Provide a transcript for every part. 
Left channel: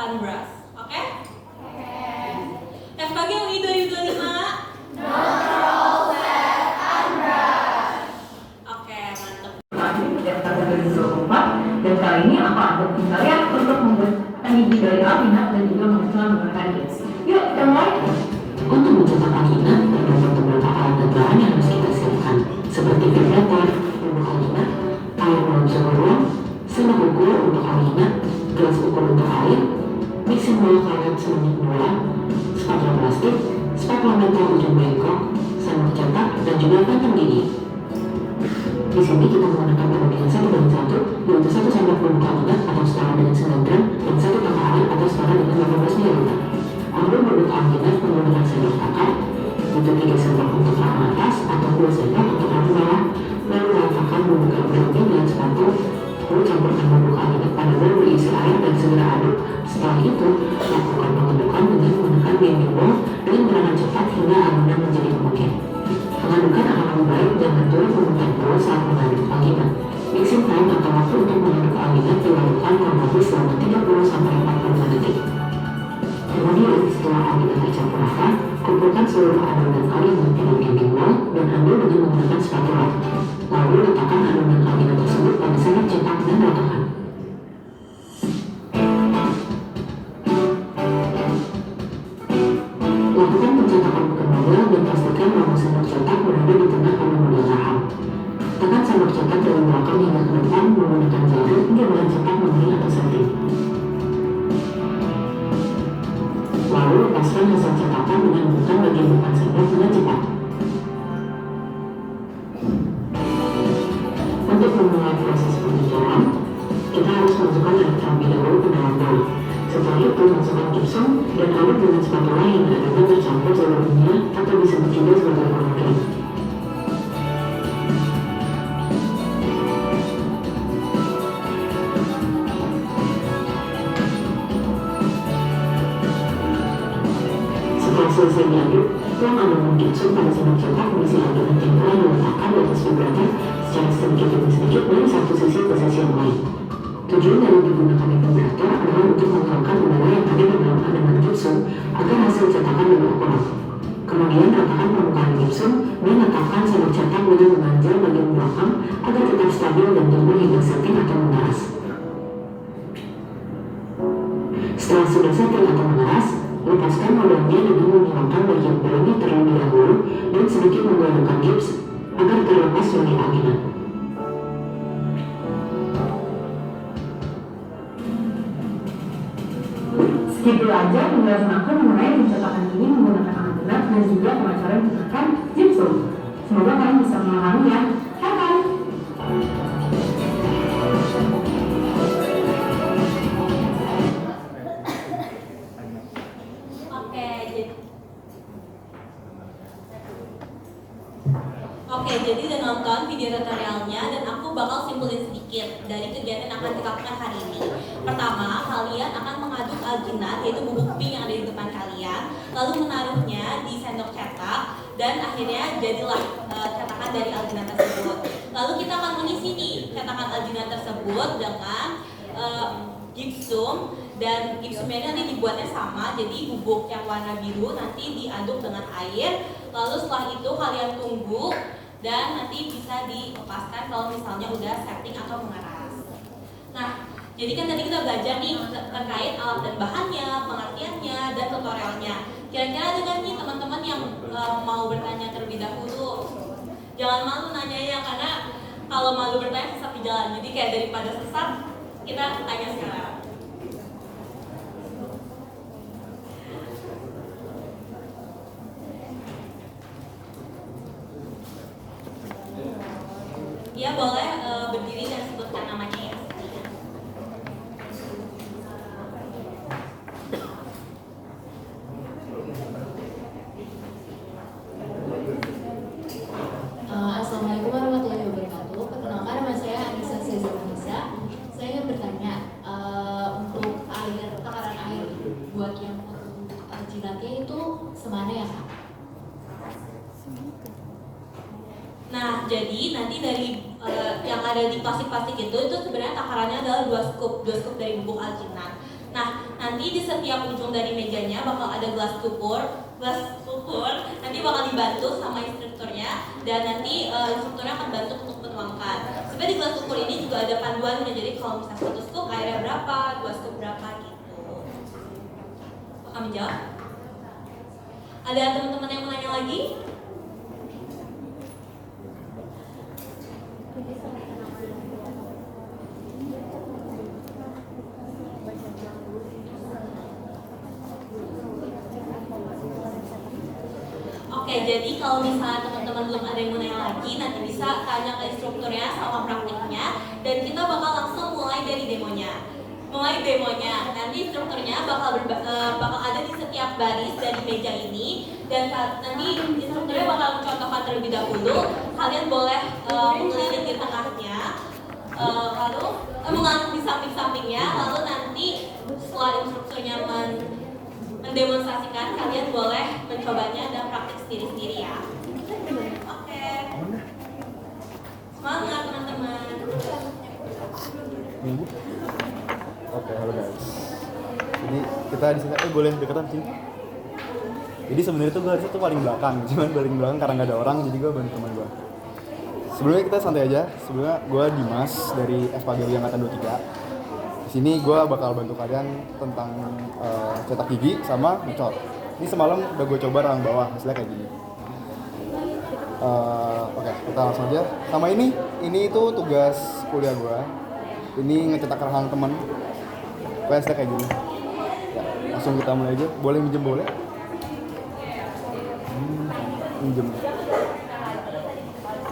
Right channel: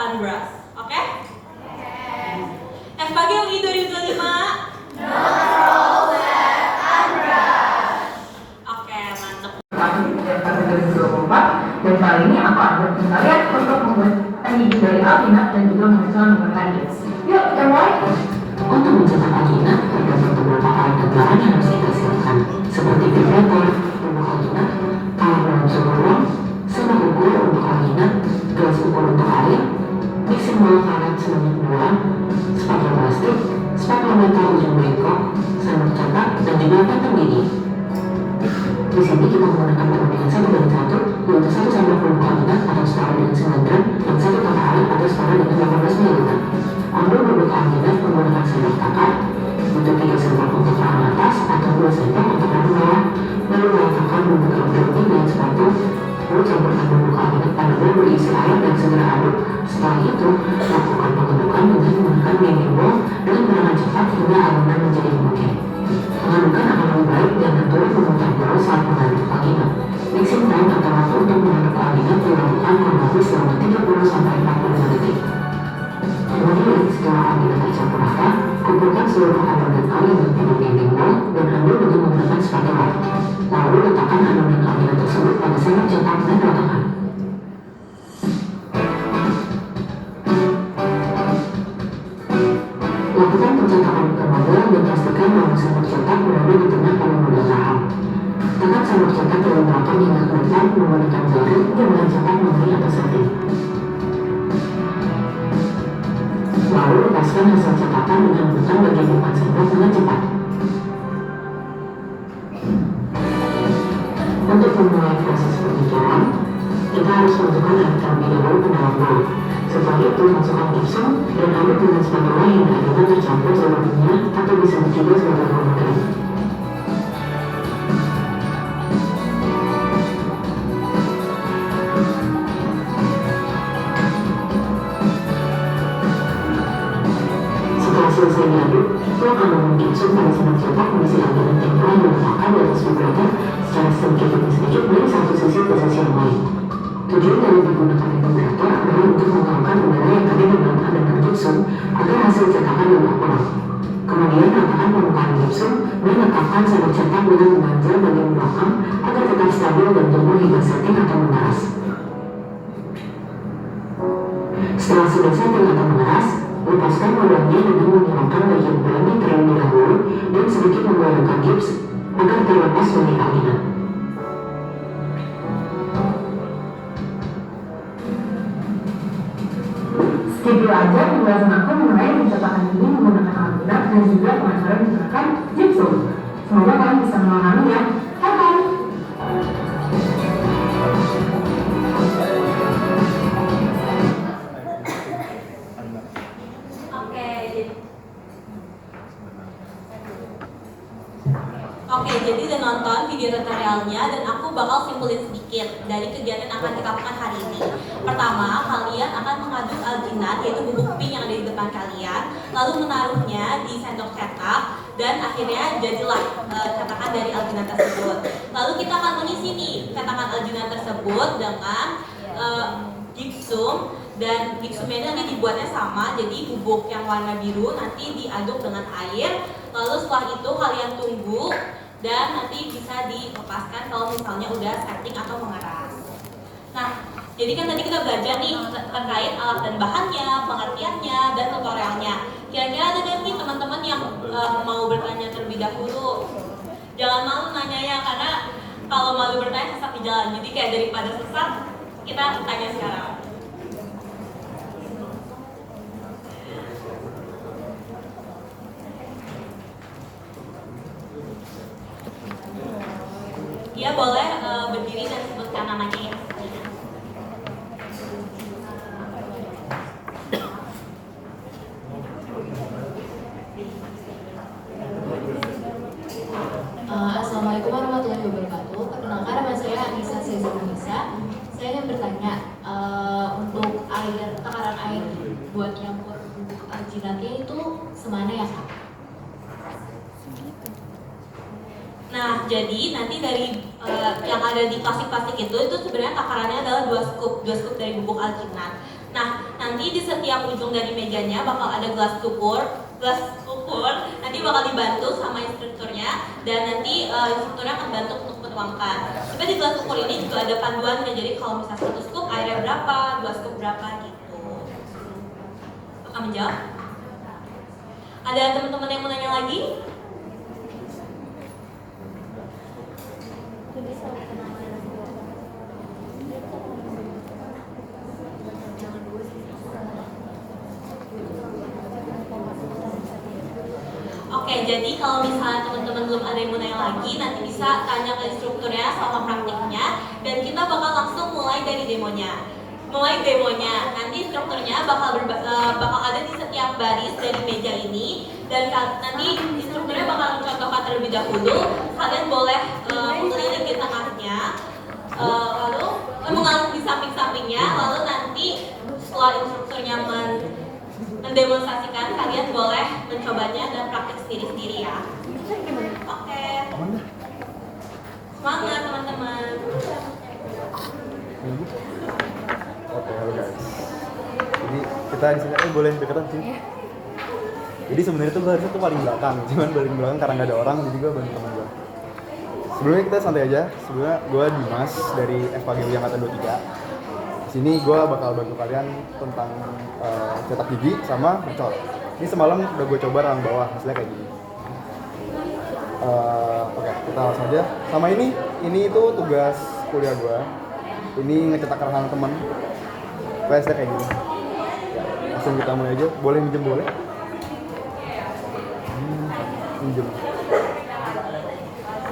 Unbrush. Oke? FKG UI 2025. Oke, mantap. Dan kali ini aku akan kalian untuk membuat tanding dari Alkitab dan juga mencoba menggunakan Gits. Yuk, kita mulai. Untuk mencetak Alkitab, terdapat beberapa alat dan bahan yang harus kita siapkan, seperti vibrator, bubuk Alkitab, air dalam sumur ruang, sendok ukur untuk Alkitab, gelas ukur untuk air, mixing bowl karet sebanyak 2, spatula plastik, spektrometer ujung bengkok, sendok cetak, dan juga kantong gigi. Di sini kita menggunakan perbandingan 1:1, yaitu 1 sendok bubuk Alkitab atau setara dengan 9 gram dan 1 tangkai air atau setara dengan 18 ml. Ambil bubuk Alkitab menggunakan sendok takar, butuh 3 sendok untuk rahang atas atau 2 sendok untuk rahang bawah, lalu letakkan bubuk Alkitab di dalam sepatu, lalu campurkan bubuk Alkitab pada bowl berisi air dan segera aduk. Setelah itu, lakukan pengedukan dengan menggunakan blending bowl dengan gerakan cepat hingga adonan menjadi homogen. Pengadukan akan lebih baik dengan turun kemudian terus saat mengaduk Alkitab. Mixing time atau waktu untuk mengaduk Alkitab dilakukan kurang lebih selama 30-45 detik. Kemudian setelah Alkitab tercampur rata, kumpulkan seluruh adonan Alkitab di blending bowl dan ambil dengan menggunakan spatula. Lalu letakkan adonan Alkitab tersebut pada sendok cetak dan ratakan. Lakukan pencetakan ke model dan pastikan bahwa sendok cetak berada di tengah pada model rahang. Tekan sendok cetak dari belakang hingga ke depan menggunakan jari hingga mencetak memori atau setting. Lalu lepaskan hasil cetakan dengan menekan bagian depan sendok dengan cepat. Untuk memulai proses pengecoran, kita harus masukkan air terlebih dahulu ke dalam bowl. Setelah itu, masukkan gipsum dan aduk dengan spatula hingga adonan tercampur seluruhnya atau disebut juga sebagai homogen. Setelah selesai diaduk, tuang adonan gipsum pada sendok cetak berisi adonan yang telah diletakkan di atas vibrator secara sedikit demi sedikit dari satu sisi ke sisi yang lain. Tujuan dari digunakan vibrator adalah untuk mengeluarkan udara yang ada di dalam adonan gipsum agar hasil cetakan lebih akurat. Kemudian ratakan permukaan gipsum dan letakkan sendok cetak dengan menganjal bagian belakang agar tetap stabil dan tumbuh hingga setting atau mengeras. Setelah sudah setting atau mengeras, lepaskan modelnya dengan menghilangkan bagian pelembab terlebih dahulu dan sedikit menggoyangkan gips agar terlepas dari Alkitab. Segitu aja penjelasan aku mengenai pencetakan ini menggunakan Alkitab dan juga pengecoran menggunakan Gipsum. Semoga kalian bisa memahaminya. Have fun! Oke, jadi udah nonton video tutorialnya dan aku bakal simpulin sedikit dari kegiatan yang akan kita lakukan hari ini. Pertama, kalian akan mengaduk alginat, yaitu bubuk pink yang ada di depan kalian, lalu menaruhnya di sendok cetak dan akhirnya jadilah cetakan dari alginat tersebut. Lalu kita akan mengisi nih cetakan alginat tersebut dengan gipsum, dan gipsumnya ini nanti dibuatnya sama, jadi bubuk yang warna biru nanti diaduk dengan air, lalu setelah itu kalian tunggu dan nanti bisa dilepaskan kalau misalnya udah setting atau mengeras. Nah, jadi kan tadi kita belajar nih terkait alat dan bahannya, pengertiannya, dan tutorialnya. Kira-kira ada nggak nih teman-teman yang mau bertanya terlebih dahulu? Jangan malu nanyanya, karena kalau malu bertanya sesat di jalan. Jadi kayak daripada sesat, kita tanya sekarang. Ya boleh berdiri dan sebutkan namanya ya. Assalamualaikum warahmatullahi wabarakatuh. Perkenalkan, nama saya Anissa Cesar. Saya ingin bertanya untuk takaran air buat nyampur bubuk alginatnya itu semana ya Kak? Nah, jadi nanti dari yang ada di plastik-plastik itu sebenarnya takarannya adalah 2 scoop dari bubuk alginat. Nah, nanti di setiap ujung dari mejanya bakal ada gelas ukur nanti bakal dibantu sama instrukturnya, dan nanti instrukturnya akan bantu untuk menuangkan. Tapi di gelas ukur ini juga ada panduannya, jadi kalau misalnya 1 scoop airnya berapa, 2 scoop berapa gitu. Akan menjawab? Ada teman-teman yang mau nanya lagi? Oke, jadi kalau misalnya teman-teman belum ada yang mau nanya lagi, nanti bisa tanya ke instrukturnya sama praktiknya, dan kita bakal langsung mulai dari demonya. Nanti instrukturnya bakal ada di setiap baris dari meja ini, dan nanti instrukturnya bakal mencontohkan terlebih dahulu. Kalian boleh mengelilingi di tengahnya, lalu mengarung di samping-sampingnya, lalu nanti setelah instrukturnya mendemonstrasikan, kalian boleh mencobanya dan praktik sendiri-sendiri ya. Oke. Semangat teman-teman. Oke, halo guys. Jadi kita di sini boleh deketan sih. Jadi sebenarnya tuh gue harusnya tuh paling belakang, cuman paling belakang karena nggak ada orang, jadi gue bantu temen gue. Sebelumnya kita santai aja. Sebelumnya gue Dimas dari FKGWI Angkatan 23. Di sini gue bakal bantu kalian tentang cetak gigi sama ngecor. Ini semalam udah gue coba rahang bawah, hasilnya kayak gini. Oke, kita langsung aja. Sama ini itu tugas kuliah gue. Ini ngecetak rahang temen. Hasilnya kayak gini. Ya, langsung kita mulai aja. Boleh minjem boleh? Minjem.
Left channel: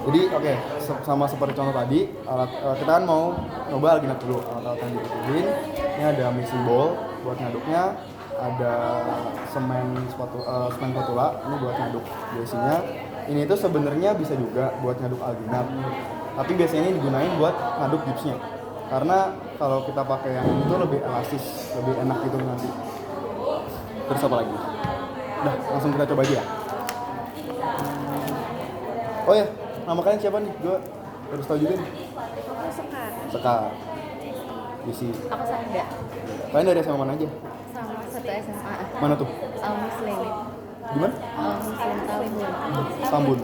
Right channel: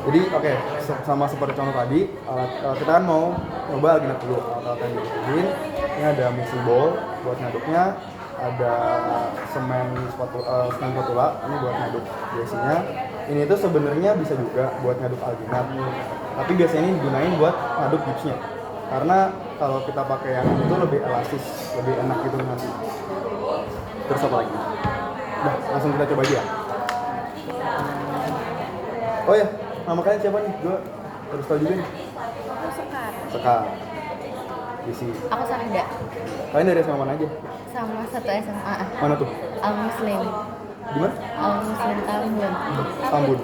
Jadi oke, sama seperti contoh tadi, kita kan mau coba alginat dulu. Alat yang dibutuhin, ini ada mixing bowl buat ngaduknya, ada semen spatula ini buat ngaduk biasanya. Ini itu sebenarnya bisa juga buat ngaduk alginat, tapi biasanya ini digunain buat ngaduk gipsnya, karena kalau kita pakai yang itu lebih elastis, lebih enak gitu nanti. Terus apa lagi? Nah, langsung kita coba aja. Oh ya, nama kalian siapa nih? Gue harus tahu juga nih. Aku Sekar. Isi. Aku Sanda. Kalian dari SMA mana aja? Sama satu SMA. Mana tuh? Al Muslim. Di mana? Al Muslim Tambun. Tambun.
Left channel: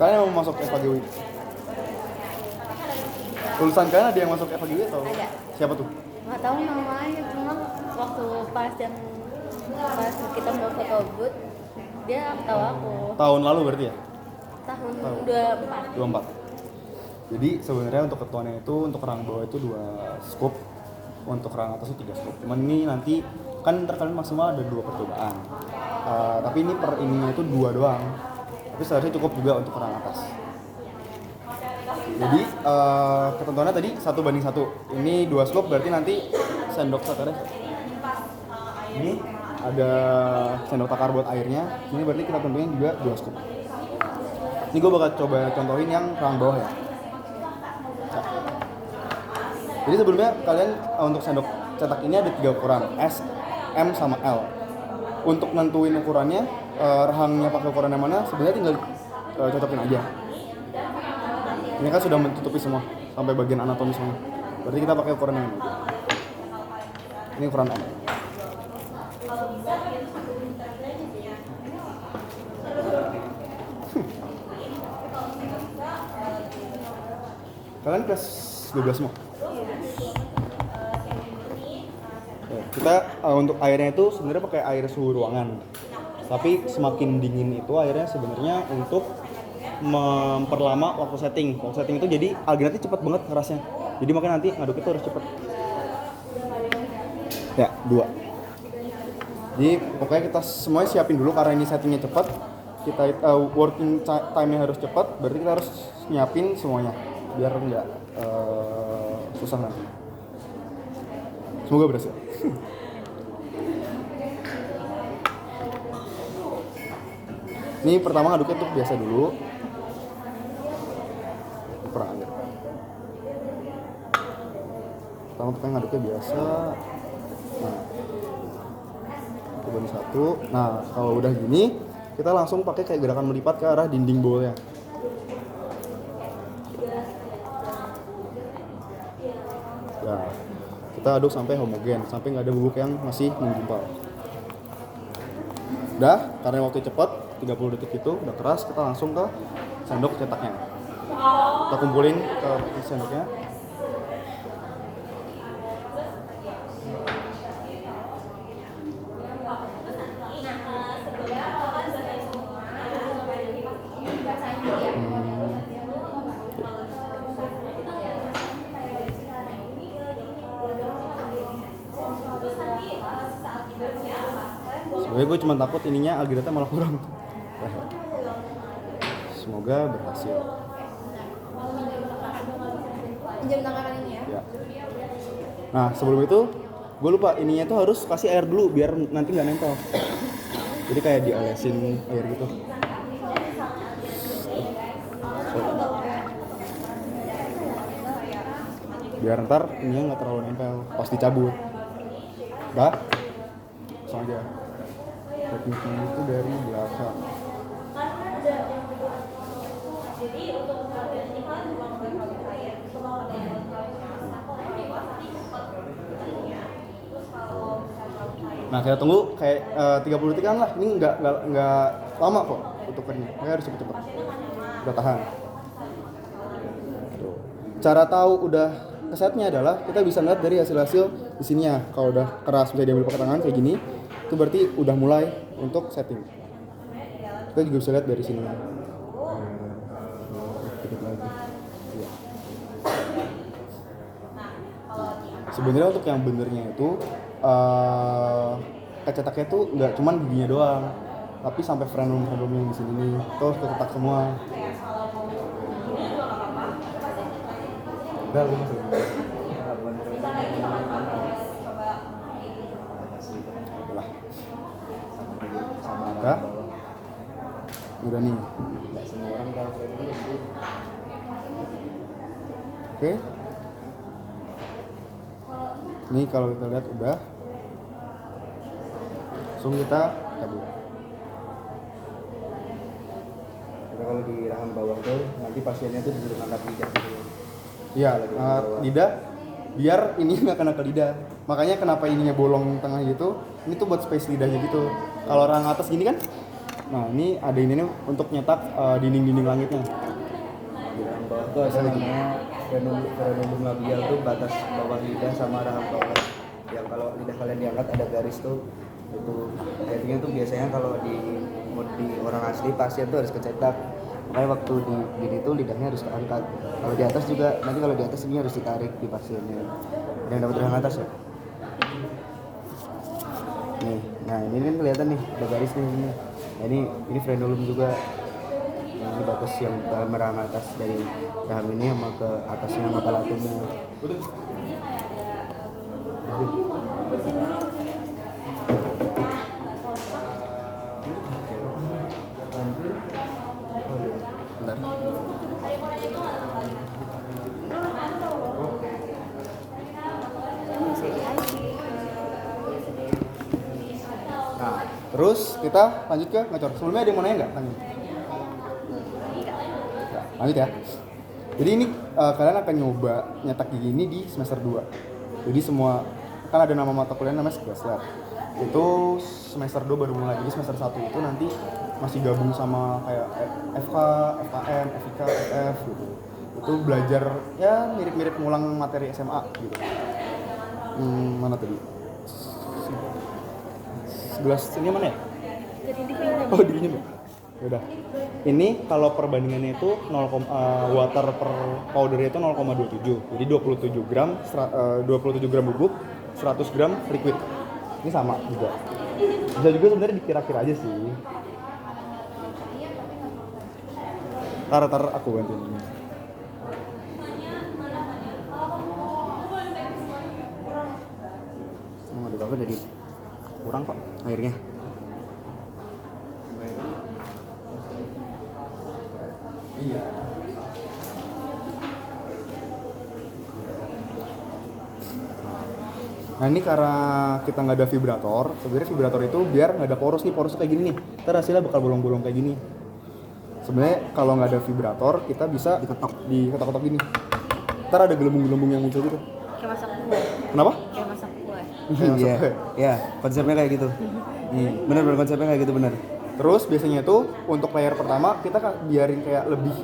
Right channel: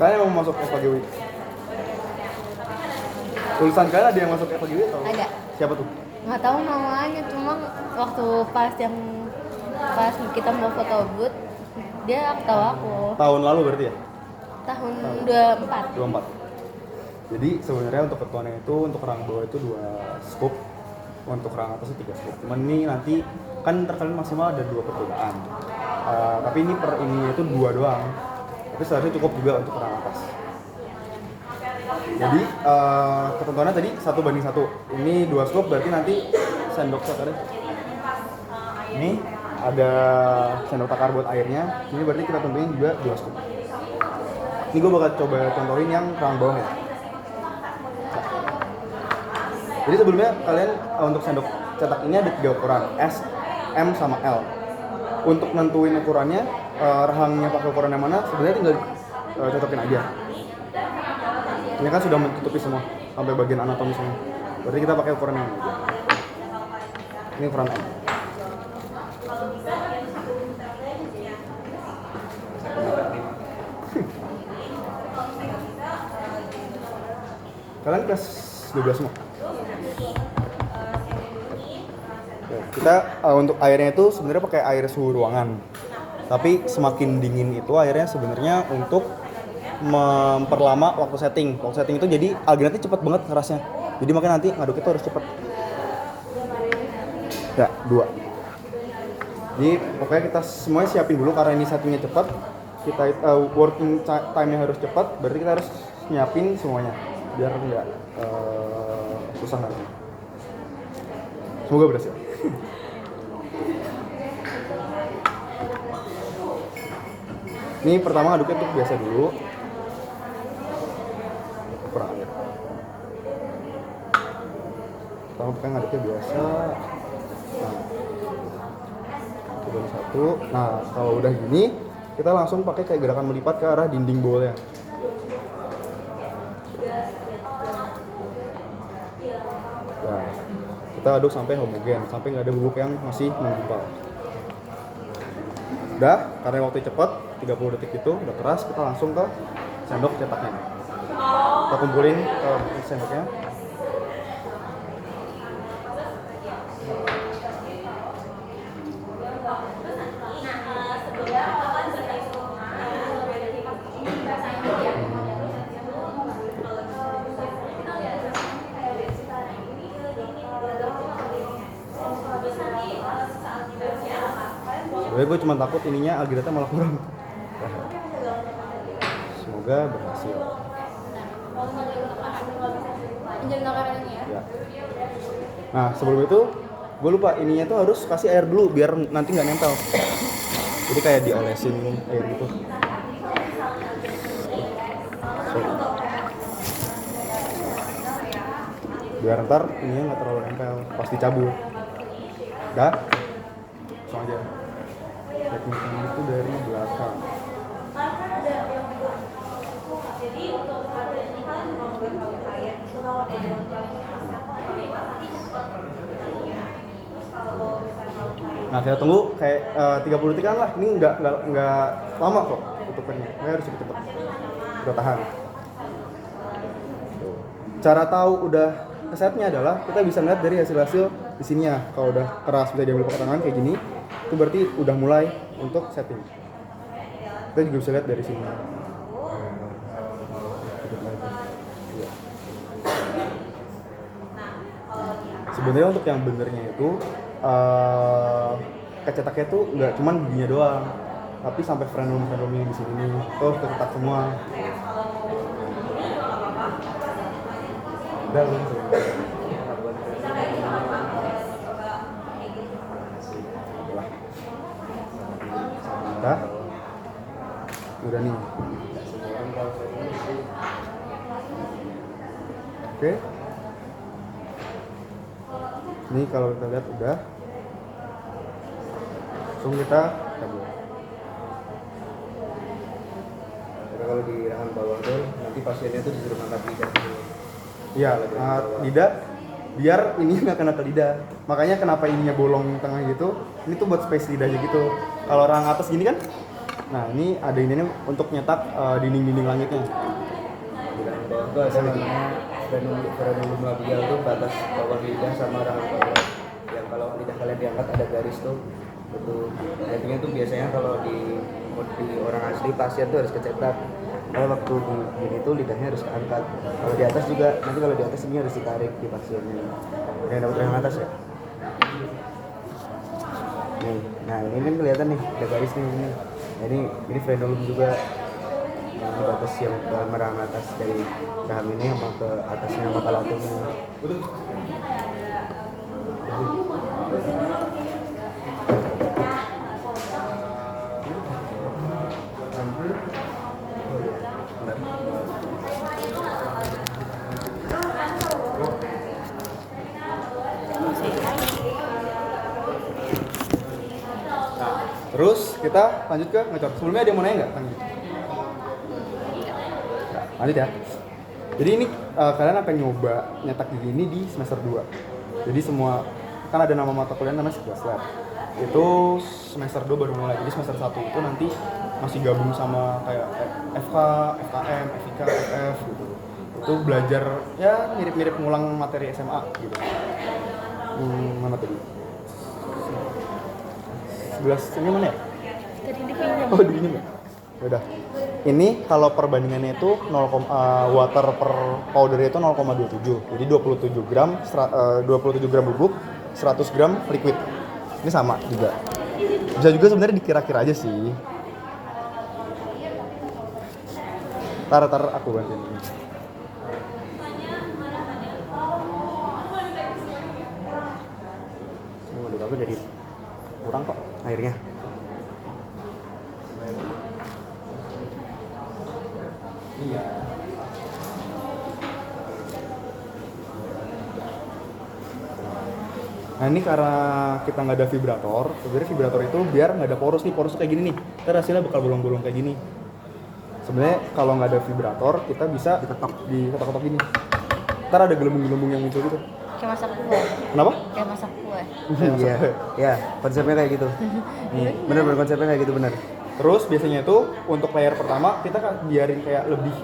Kalian mau masuk FKGWI? Tulisan kalian ada yang masuk FKGWI atau? Ada. Siapa tuh? Nggak tahu namanya, cuma waktu pas kita mau foto booth, dia tahu aku. Tahun lalu berarti ya? Tahun 24. 24. Jadi sebenarnya untuk ketuanya itu untuk rang bawah itu 2 scoop, untuk rang atas itu 3 scoop. Cuman ini nanti kan terkalian maksimal ada 2 percobaan. Tapi ini per ini itu 2 doang. Tapi seharusnya cukup juga untuk rang atas. Jadi ketentuannya tadi 1:1. Ini 2 scoop berarti nanti sendok takar. Ini ada sendok takar buat airnya. Ini berarti kita tentuin juga 2 scoop. Ini gue bakal coba contohin yang rang bawah ya. Jadi sebelumnya kalian untuk sendok cetak ini ada 3 ukuran, S, M, sama L. Untuk nentuin ukurannya, rahangnya pakai ukuran yang mana, sebenarnya tinggal cocokin aja. Ini kan sudah menutupi semua, sampai bagian anatomi semua. Berarti kita pakai ukuran yang ini aja. Ini ukuran M. Kalian kelas 12 semua? Kita untuk airnya itu sebenarnya pakai air suhu ruangan. Tapi semakin dingin itu airnya sebenarnya untuk memperlama waktu setting. Waktu setting itu jadi alginatnya cepat banget kerasnya. Jadi makanya nanti ngaduk itu harus cepat. Ya, 2. Jadi pokoknya kita semuanya siapin dulu karena ini settingnya cepat. Kita working time-nya harus cepat, berarti kita harus nyiapin semuanya biar nggak susah lagi. Semoga berhasil. Ini pertama ngaduknya tuh biasa dulu. Kurang aja. Pertama pakai ngaduknya biasa. Nah, itu 1. Nah, kalau udah gini, kita langsung pakai kayak gerakan melipat ke arah dinding bowlnya. Nah, Kita aduk sampai homogen, sampai nggak ada bubuk yang masih menggumpal. Udah, karena waktu cepet 30 detik itu udah keras, kita langsung ke sendok cetaknya. Kita kumpulin ke sendoknya. Sebenernya gue cuma takut ininya algiratnya malah kurang. Semoga berhasil. Pinjam takarannya ya. Ya. Nah sebelum itu gue lupa ininya tuh harus kasih air dulu biar nanti nggak nempel. Jadi kayak diolesin air gitu. Biar ntar ininya nggak terlalu nempel pas dicabut. Udah, langsung aja. Tekniknya itu dari belakang. Nah saya tunggu kayak 30 detik lah. Ini nggak lama kok tutupannya. Makanya harus cepet-cepet. Udah tahan. Tuh. Cara tahu udah kesetnya adalah kita bisa lihat dari hasil-hasil di sininya. Kalau udah keras bisa diambil pakai tangan kayak gini, itu berarti udah mulai untuk setting. Kita juga bisa lihat dari sini. Iya. Sebenarnya untuk yang benernya itu kecetaknya tuh nggak cuman bijinya doang, tapi sampai frenulum-frenulumnya di sini nih, terus kecetak semua. Udah. Udah nih. Oke. Ini kalau kita lihat udah. Langsung kita tabur. Karena kalau di rahang bawah tuh nanti pasiennya tuh disuruh angkat lidah. Iya, lidah biar ini nggak kena ke lidah. Makanya kenapa ininya bolong tengah gitu? Ini tuh buat space lidahnya gitu. Kalau orang atas gini kan? Nah ini ada ini untuk nyetak dinding-dinding langitnya. Di rahang bawah tuh ada namanya frenulum labial tuh batas bawah lidah sama rahang bawah. Yang kalau lidah kalian diangkat ada garis tuh. Itu intinya tuh biasanya kalau di orang asli pasien tuh harus kecetak. Karena waktu di gini tuh lidahnya harus keangkat. Kalau di atas juga, nanti kalau di atas ini harus ditarik di pasiennya. Yang atas ya. Nih, nah ini kan kelihatan nih, ada garis nih ini. Nah, ini frenulum juga. Ini batas yang ke rahang atas dari rahang ini sama ke atasnya mata latumnya. Terus kita lanjut ke ngecor. Sebelumnya ada yang mau nanya nggak? Lanjut ya. Jadi ini kalian akan nyoba nyetak gigi ini di semester 2. Jadi semua kan ada nama mata kuliah namanya sekelas lab. Itu semester 2 baru mulai. Jadi semester 1 itu nanti masih gabung sama kayak FK, FKM, FIK, FF gitu. Itu belajar ya mirip-mirip ngulang materi SMA gitu. Mana tadi? 11 ini mana ya? Tadi dipinjam. Oh dirinya ya? Udah. Ini kalau perbandingannya itu 0, water per powdernya itu 0,27. Jadi 27 gram 27 gram bubuk, 100 gram liquid. Ini sama juga. Bisa juga sebenarnya dikira-kira aja sih. Tar aku gantiin ini. Ini udah bagus jadi kurang kok airnya. Iya. Nah ini karena kita nggak ada vibrator, sebenarnya vibrator itu biar nggak ada poros nih, poros kayak gini nih. Ntar hasilnya bakal bolong-bolong kayak gini. Sebenarnya kalau nggak ada vibrator, kita bisa diketok-ketok gini. Ntar ada gelembung-gelembung yang muncul gitu. kayak masak kue. Kenapa? Kayak masak kue. Iya, ya konsepnya kayak gitu. Bener konsepnya kayak gitu bener. Terus biasanya itu untuk layer pertama kita biarin kayak lebih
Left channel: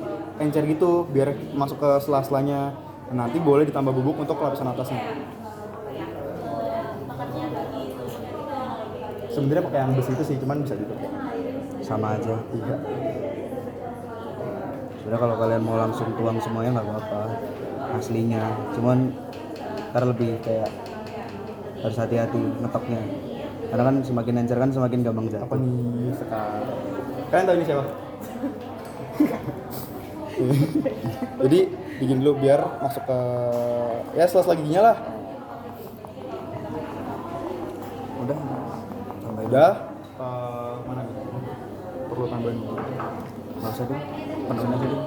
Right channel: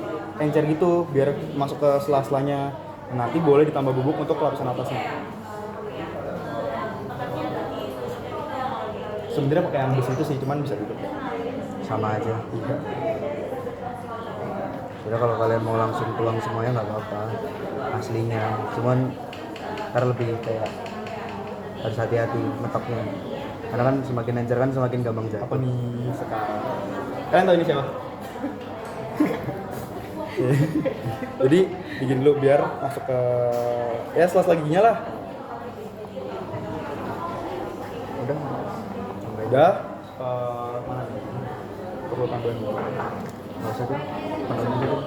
encer gitu biar masuk ke sela-selanya. Nanti boleh ditambah bubuk untuk lapisan atasnya. Sebenarnya pakai yang besi itu sih, cuman bisa gitu. Sama aja. Iya. Jadi kalau kalian mau langsung tuang semuanya nggak apa-apa aslinya. Cuman ntar lebih kayak harus hati-hati metoknya. Karena kan semakin encer kan semakin gampang Apa jatuh. nih sekarang? Kalian tahu ini siapa? Jadi bikin dulu biar masuk ke ya sela-sela giginya lah. Udah. Udah. Mana? Perlu tambahin. Nggak usah tuh. Tambahin aja tuh.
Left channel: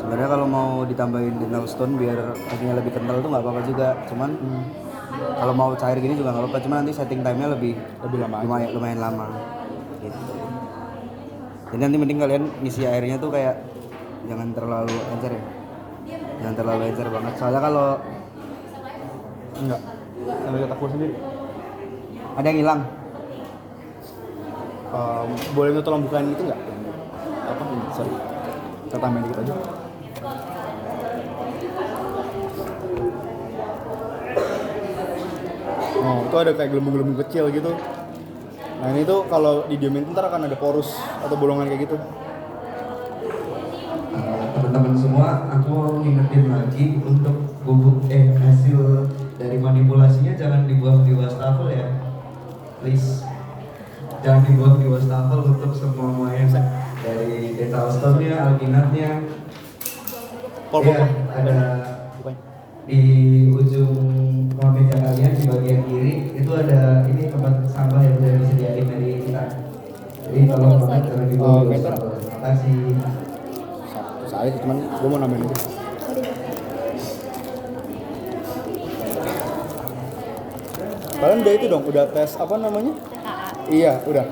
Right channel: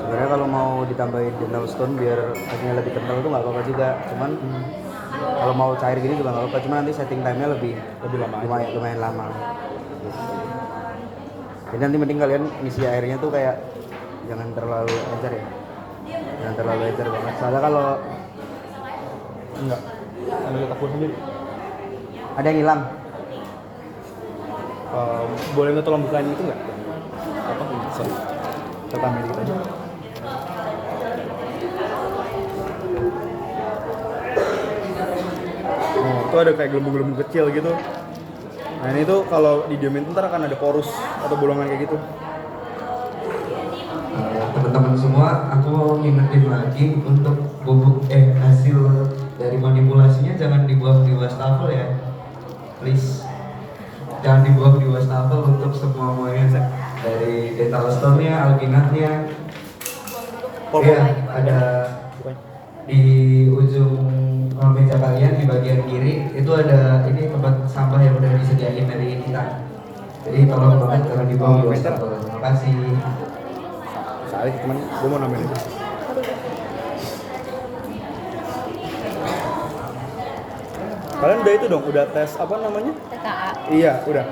Sebenarnya kalau mau ditambahin dental stone biar kakinya lebih kental tuh nggak apa-apa juga. Cuman kalau mau cair gini juga nggak apa-apa. Cuman nanti setting time-nya lebih lama. lumayan lama. Gitu. Jadi nanti mending kalian ngisi airnya tuh kayak jangan terlalu encer ya. Jangan terlalu encer banget. Soalnya kalau Enggak. Ini aku sendiri. ada yang hilang, Boleh minta tolong bukain itu nggak? Apa? Sorry. Kita tambahin dikit aja. Oh, itu ada kayak gelembung-gelembung kecil gitu. Nah ini tuh kalau didiemin ntar akan ada porus atau bolongan kayak gitu. Teman-teman semua, aku mau ngingetin lagi untuk bubuk hasil dari manipulasinya jangan dibuang di wastafel ya, please. Jangan dibuang di wastafel untuk semuanya dari dental stone-nya, alginatnya. Ya, ada di ujung meja kalian di bagian kiri itu ada ini tempat sampah yang udah disediain dari kita. Jadi tolong banget jangan dibuang di wastafel. Terima kasih. Soalnya cuman gue mau nambahin aja. Kalian udah itu dong, udah tes apa namanya? TKA. Iya, udah.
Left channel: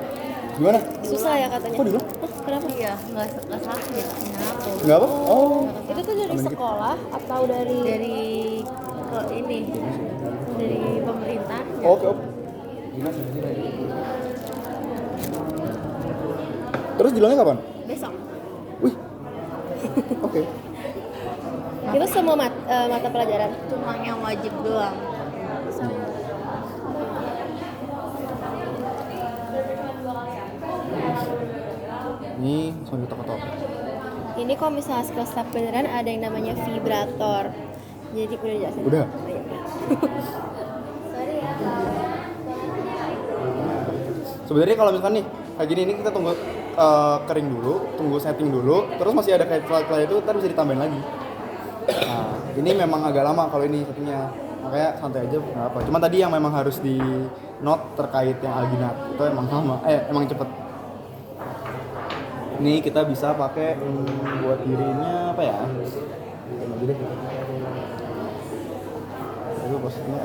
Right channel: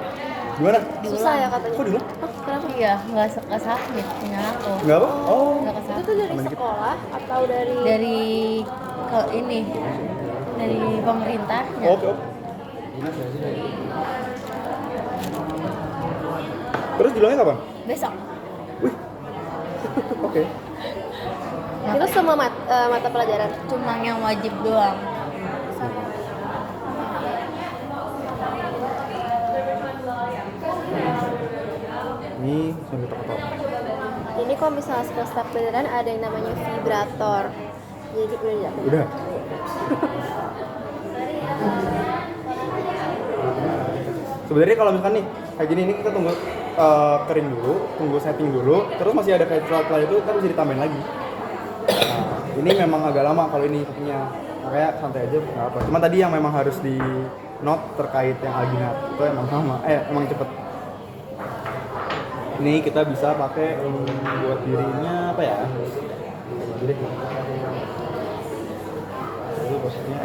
Gimana? Susah ya katanya. Kok dulu? Kenapa? Iya, nggak sakit. Aku. Enggak apa? Oh. Itu tuh dari sekolah atau dari Dari ke ini dari pemerintah. Oke. Terus judulnya kapan? Besok. Oke. itu semua mata pelajaran? Cuma yang wajib doang. Ini sambil tak. Ini kalau misalnya step beneran ada yang namanya vibrator. Jadi udah jelasin. Udah. Sebenarnya kalau misalkan nih kayak gini ini kita tunggu kering dulu, tunggu setting dulu, terus masih ada kayak setelah itu kita bisa ditambahin lagi. Nah, ini memang agak lama kalau ini settingnya, makanya santai aja nggak apa. Cuma tadi yang memang harus di note terkait yang alginat itu emang lama, emang cepet. Ini kita bisa pakai buat dirinya apa ya? Kayak gini deh. Jadi posisinya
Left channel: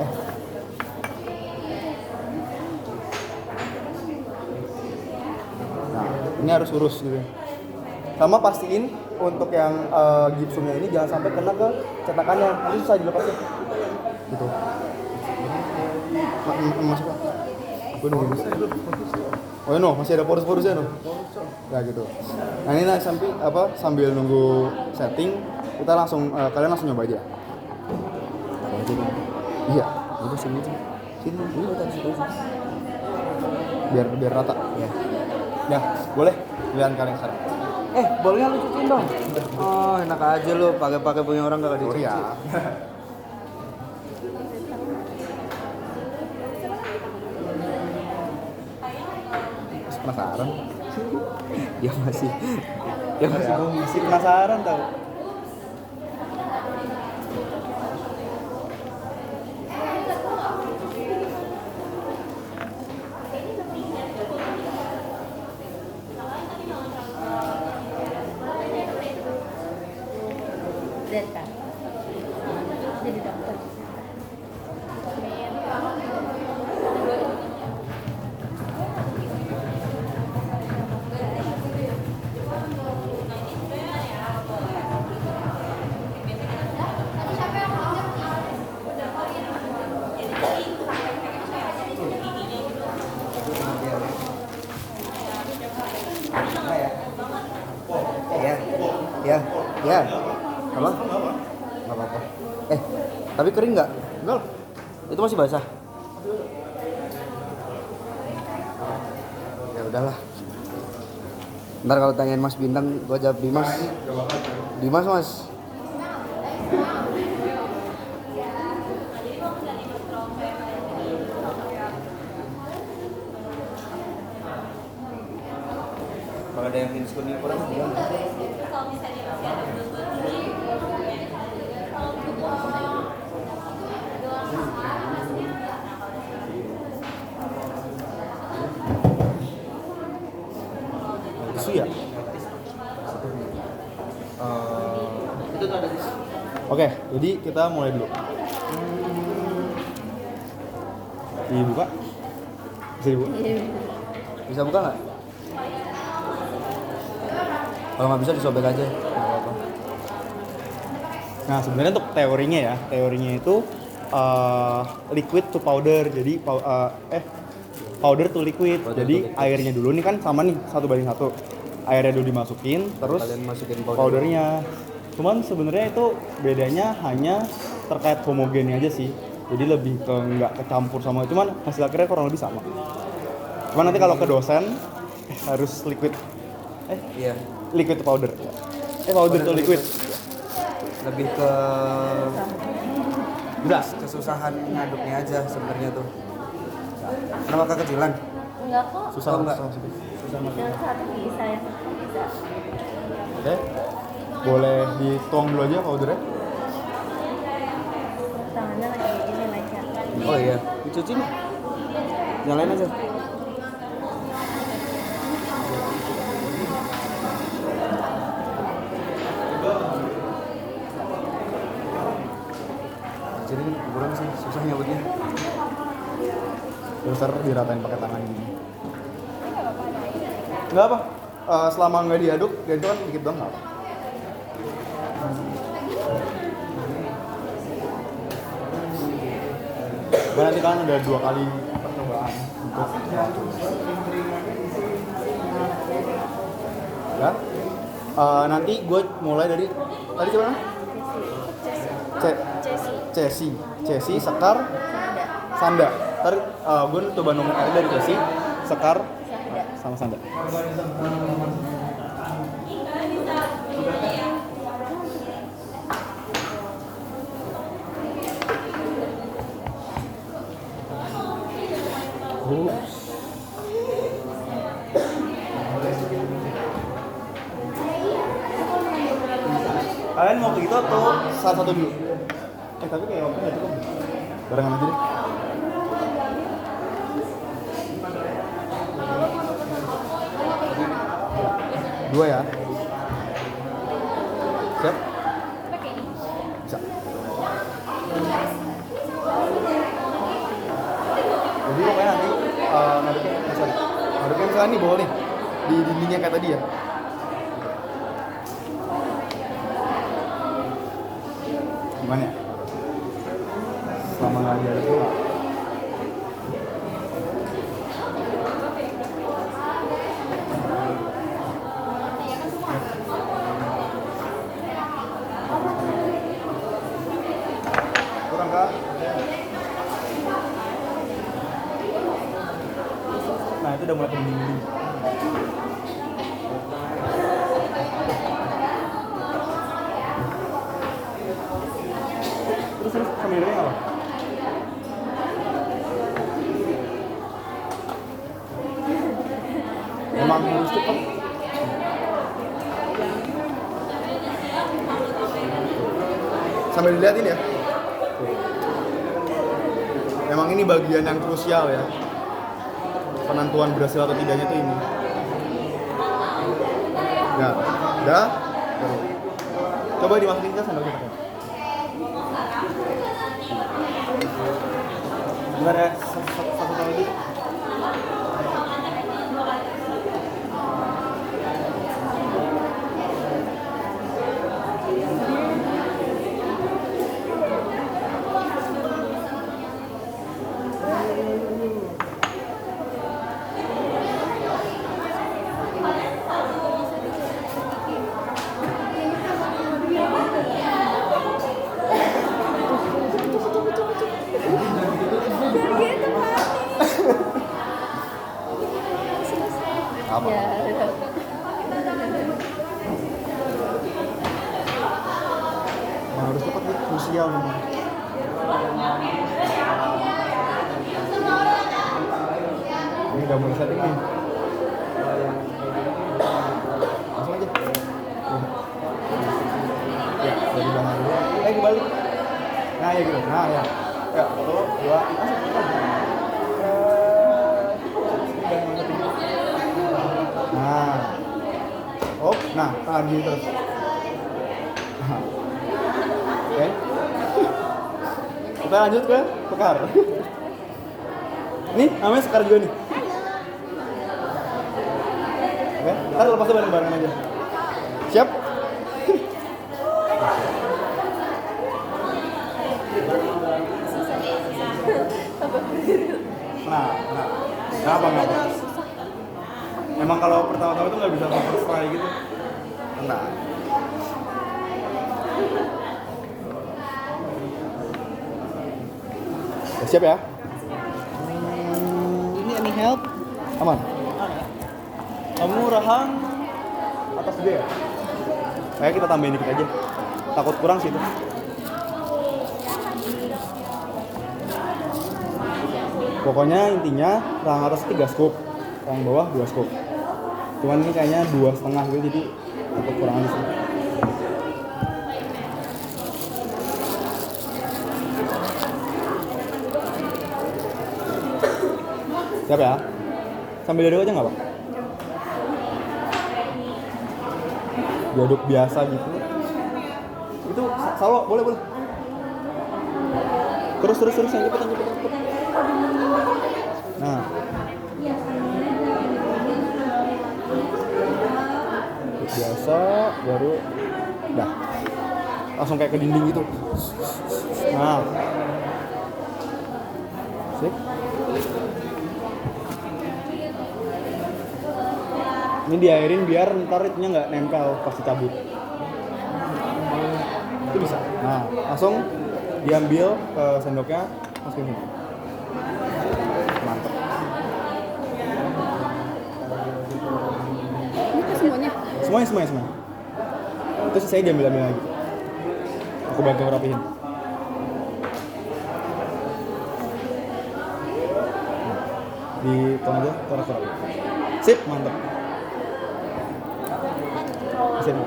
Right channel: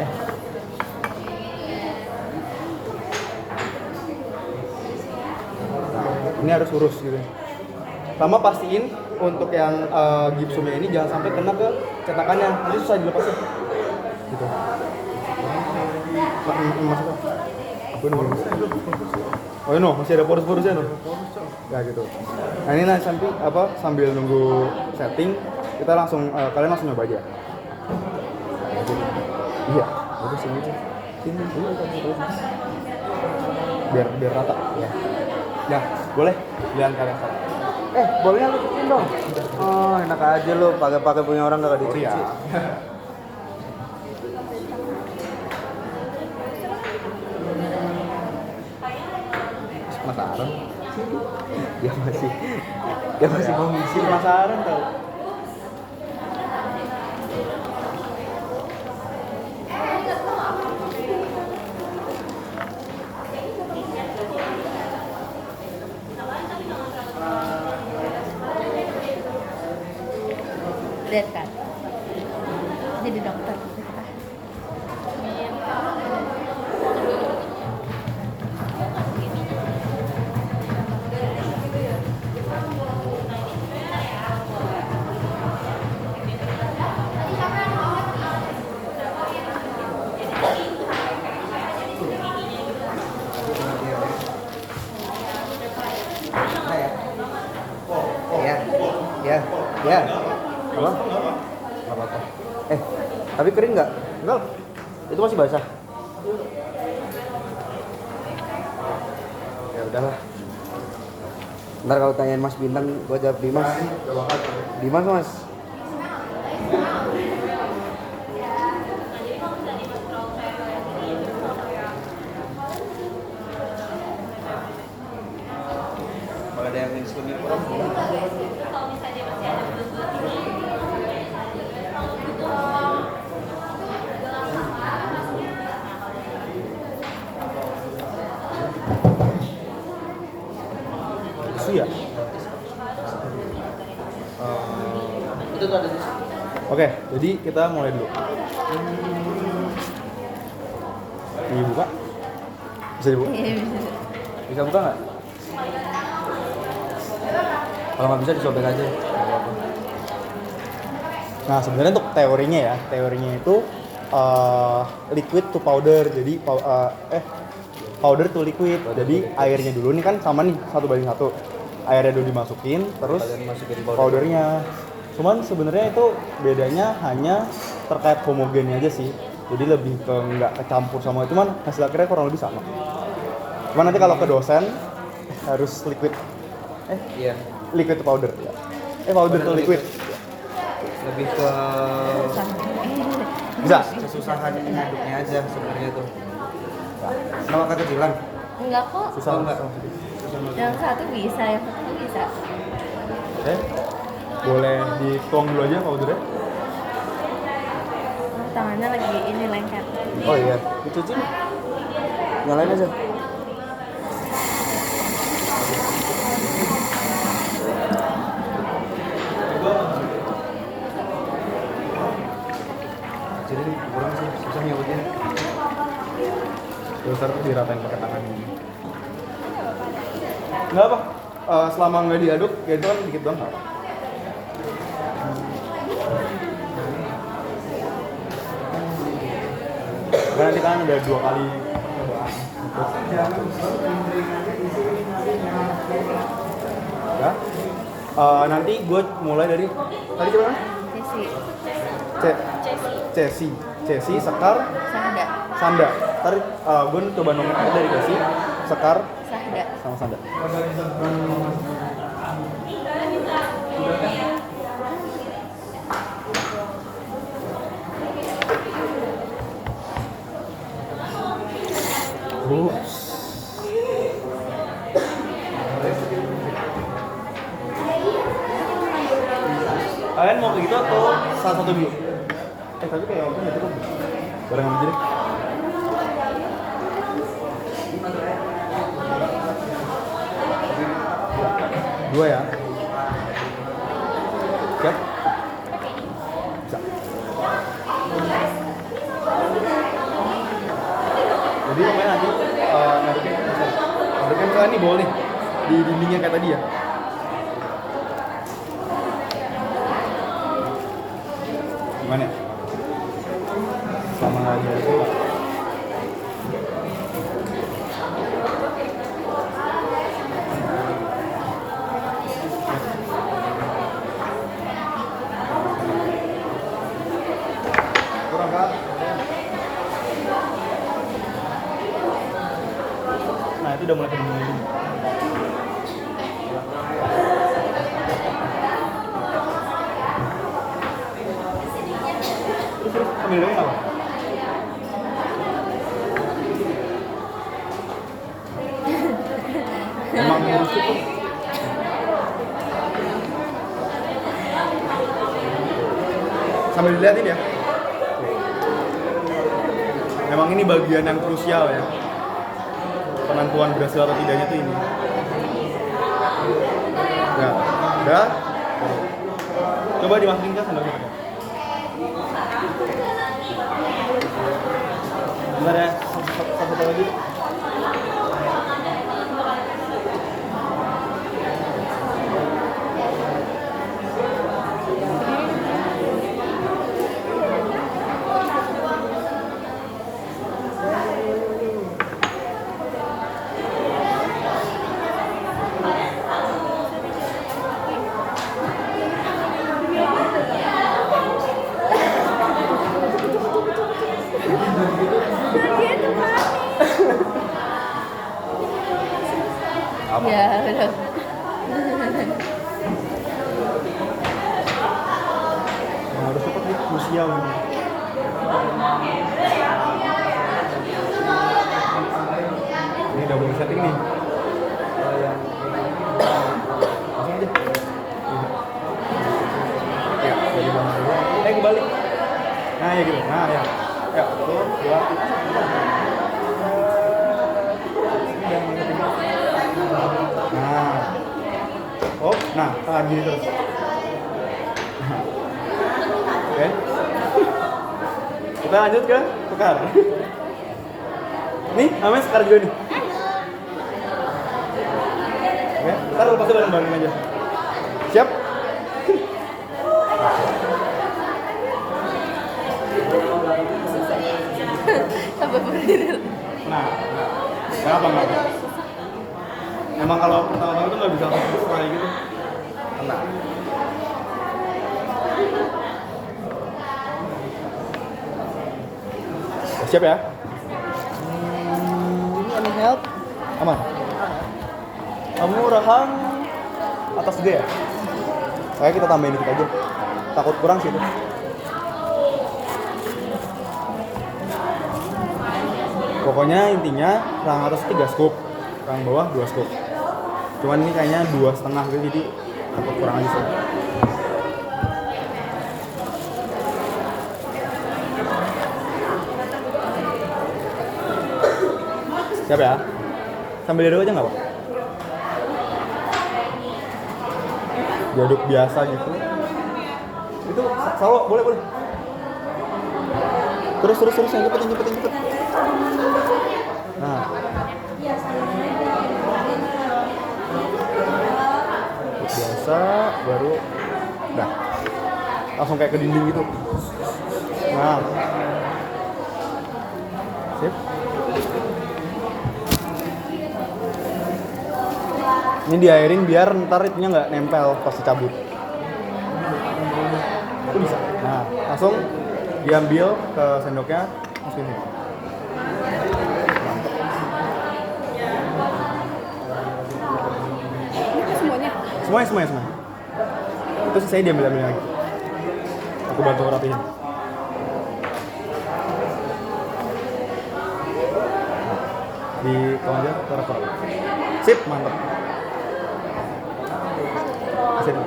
ini harus lurus gitu. Sama pastiin untuk yang gipsumnya ini jangan sampai kena ke cetakannya, nanti susah dilepasnya. Gitu. Masuk. Aku nunggu. Oh no, masih ada porus-porusnya no. Ya gitu. Nah ini nanti sambil nunggu setting kita langsung kalian langsung nyoba aja. Nah, gitu. Iya, udah sini aja. Sini kita terus. Biar rata ya. Ya, boleh jalan kanan sana. Bolnya lu cuciin dong. Oh, enak aja lu pakai punya orang gak dicuci. Iya. Penasaran? Dia masih mau ngisi. Penasaran tau. Lihat kan. Jadi dokter. Ya. Halo? Nggak apa-apa. Tapi kering nggak? Enggak. Itu masih basah. Ya udahlah. Ntar kalau tanyain Mas Bintang, gua jawab Dimas. Dimas Mas. Kalau ada yang diskon itu. Isu ya? Itu tuh ada. Oke, jadi kita mulai dulu. Dibuka? Bisa dibuka? Bisa buka nggak? Kalau nggak bisa disobek aja. Nah, sebenarnya untuk teorinya itu liquid to powder. Jadi powder to liquid. Jadi airnya dulu nih kan sama nih 1:1. Airnya dulu dimasukin, terus Kalian masukin powdernya. Cuman sebenarnya itu bedanya hanya terkait homogennya aja sih. Jadi lebih ke nggak kecampur sama, cuman hasil akhirnya kurang lebih sama. Cuman nanti kalau ke dosen harus liquid Iya. liquid to powder. Powder to liquid. Lebih ke Bisa. kesusahan ngaduknya aja sebenarnya tuh. Sama kekecilan. Enggak kok. Susah enggak? Yang satu bisa, yang satu bisa. Oke. Boleh dituang dulu aja powdernya. Tangannya lagi ini lengket. Oh iya, dicuci nih. Nyalain aja. Jadi kurang sih, susah nyebutnya. Doser diratain pakai tangan. Nggak apa. Selama nggak diaduk, ya itu kan dikit doang. Nggak apa. Dan nanti kan udah 2 kali percobaan. Ya. Nanti gue mulai dari tadi coba Cesi, Sekar, Sanda. Ntar gue coba nomor dari Cesi, Sekar, sama Sanda. Kalian mau begitu atau salah satu dulu? Tapi kayak waktu nggak cukup. Barengan aja deh. Dua ya. Siap? Bisa. Jadi kayak nanti ngaduknya misalnya nih bawah nih di dindingnya kayak tadi ya. Gimana? Sama nggak ada itu nggak? Kurang nggak? Nah itu udah mulai kedingin. Terus sambil dengerin apa? Emang harus cukup. Sambil dilihatin ya. Memang ini bagian yang krusial ya. Penentuan berhasil atau tidaknya tuh ini. Nah, udah. Coba dimasukin ke sambal gitu. Bentar ya, satu lagi. Apa? Ya, udah. Nah, harus dapat nih krusial nih. Ini udah mulai setting nih. Langsung aja. Ya, dari mana dulu? Kebalik. Nah, ya gitu. Nah, ya. Ya, 1, 2, 3. Nah. Oh, nah, tangan gini terus. Nah. Oke. Kita lanjut ke Sekar. Nih, namanya Sekar juga nih. Oke, kita lepasnya bareng-bareng aja. Siap? Sampai berdiri. Nah, nggak apa. Emang kalau pertama-tama itu nggak bisa sesuai gitu. Enggak. Siap ya? Ini any help? Aman. Kamu Rahang atas D ya? Saya kita tambahin dikit aja. Takut kurang sih itu. Pokoknya intinya Rahang atas 3 scoop, Rahang bawah 2 scoop. Cuman ini kayaknya 2,5 gitu, jadi takut kurang aja sih. Siap ya? Sambil diaduk aja nggak Pak? Diaduk biasa gitu. Itu selalu boleh. Terus yang cepet. Nah. Biasa baru dah. Langsung kayak ke dinding gitu. Nah. Sip. Ini diairin biar ntar itunya nggak nempel pas dicabut. Itu bisa. Nah, langsung diambil ke sendoknya, masukin sini. Ini ke semuanya? Semuanya. Terus saya diambil lagi. Aku bantu rapihin. Di tong aja, taruh. Sip, mantap. Sip.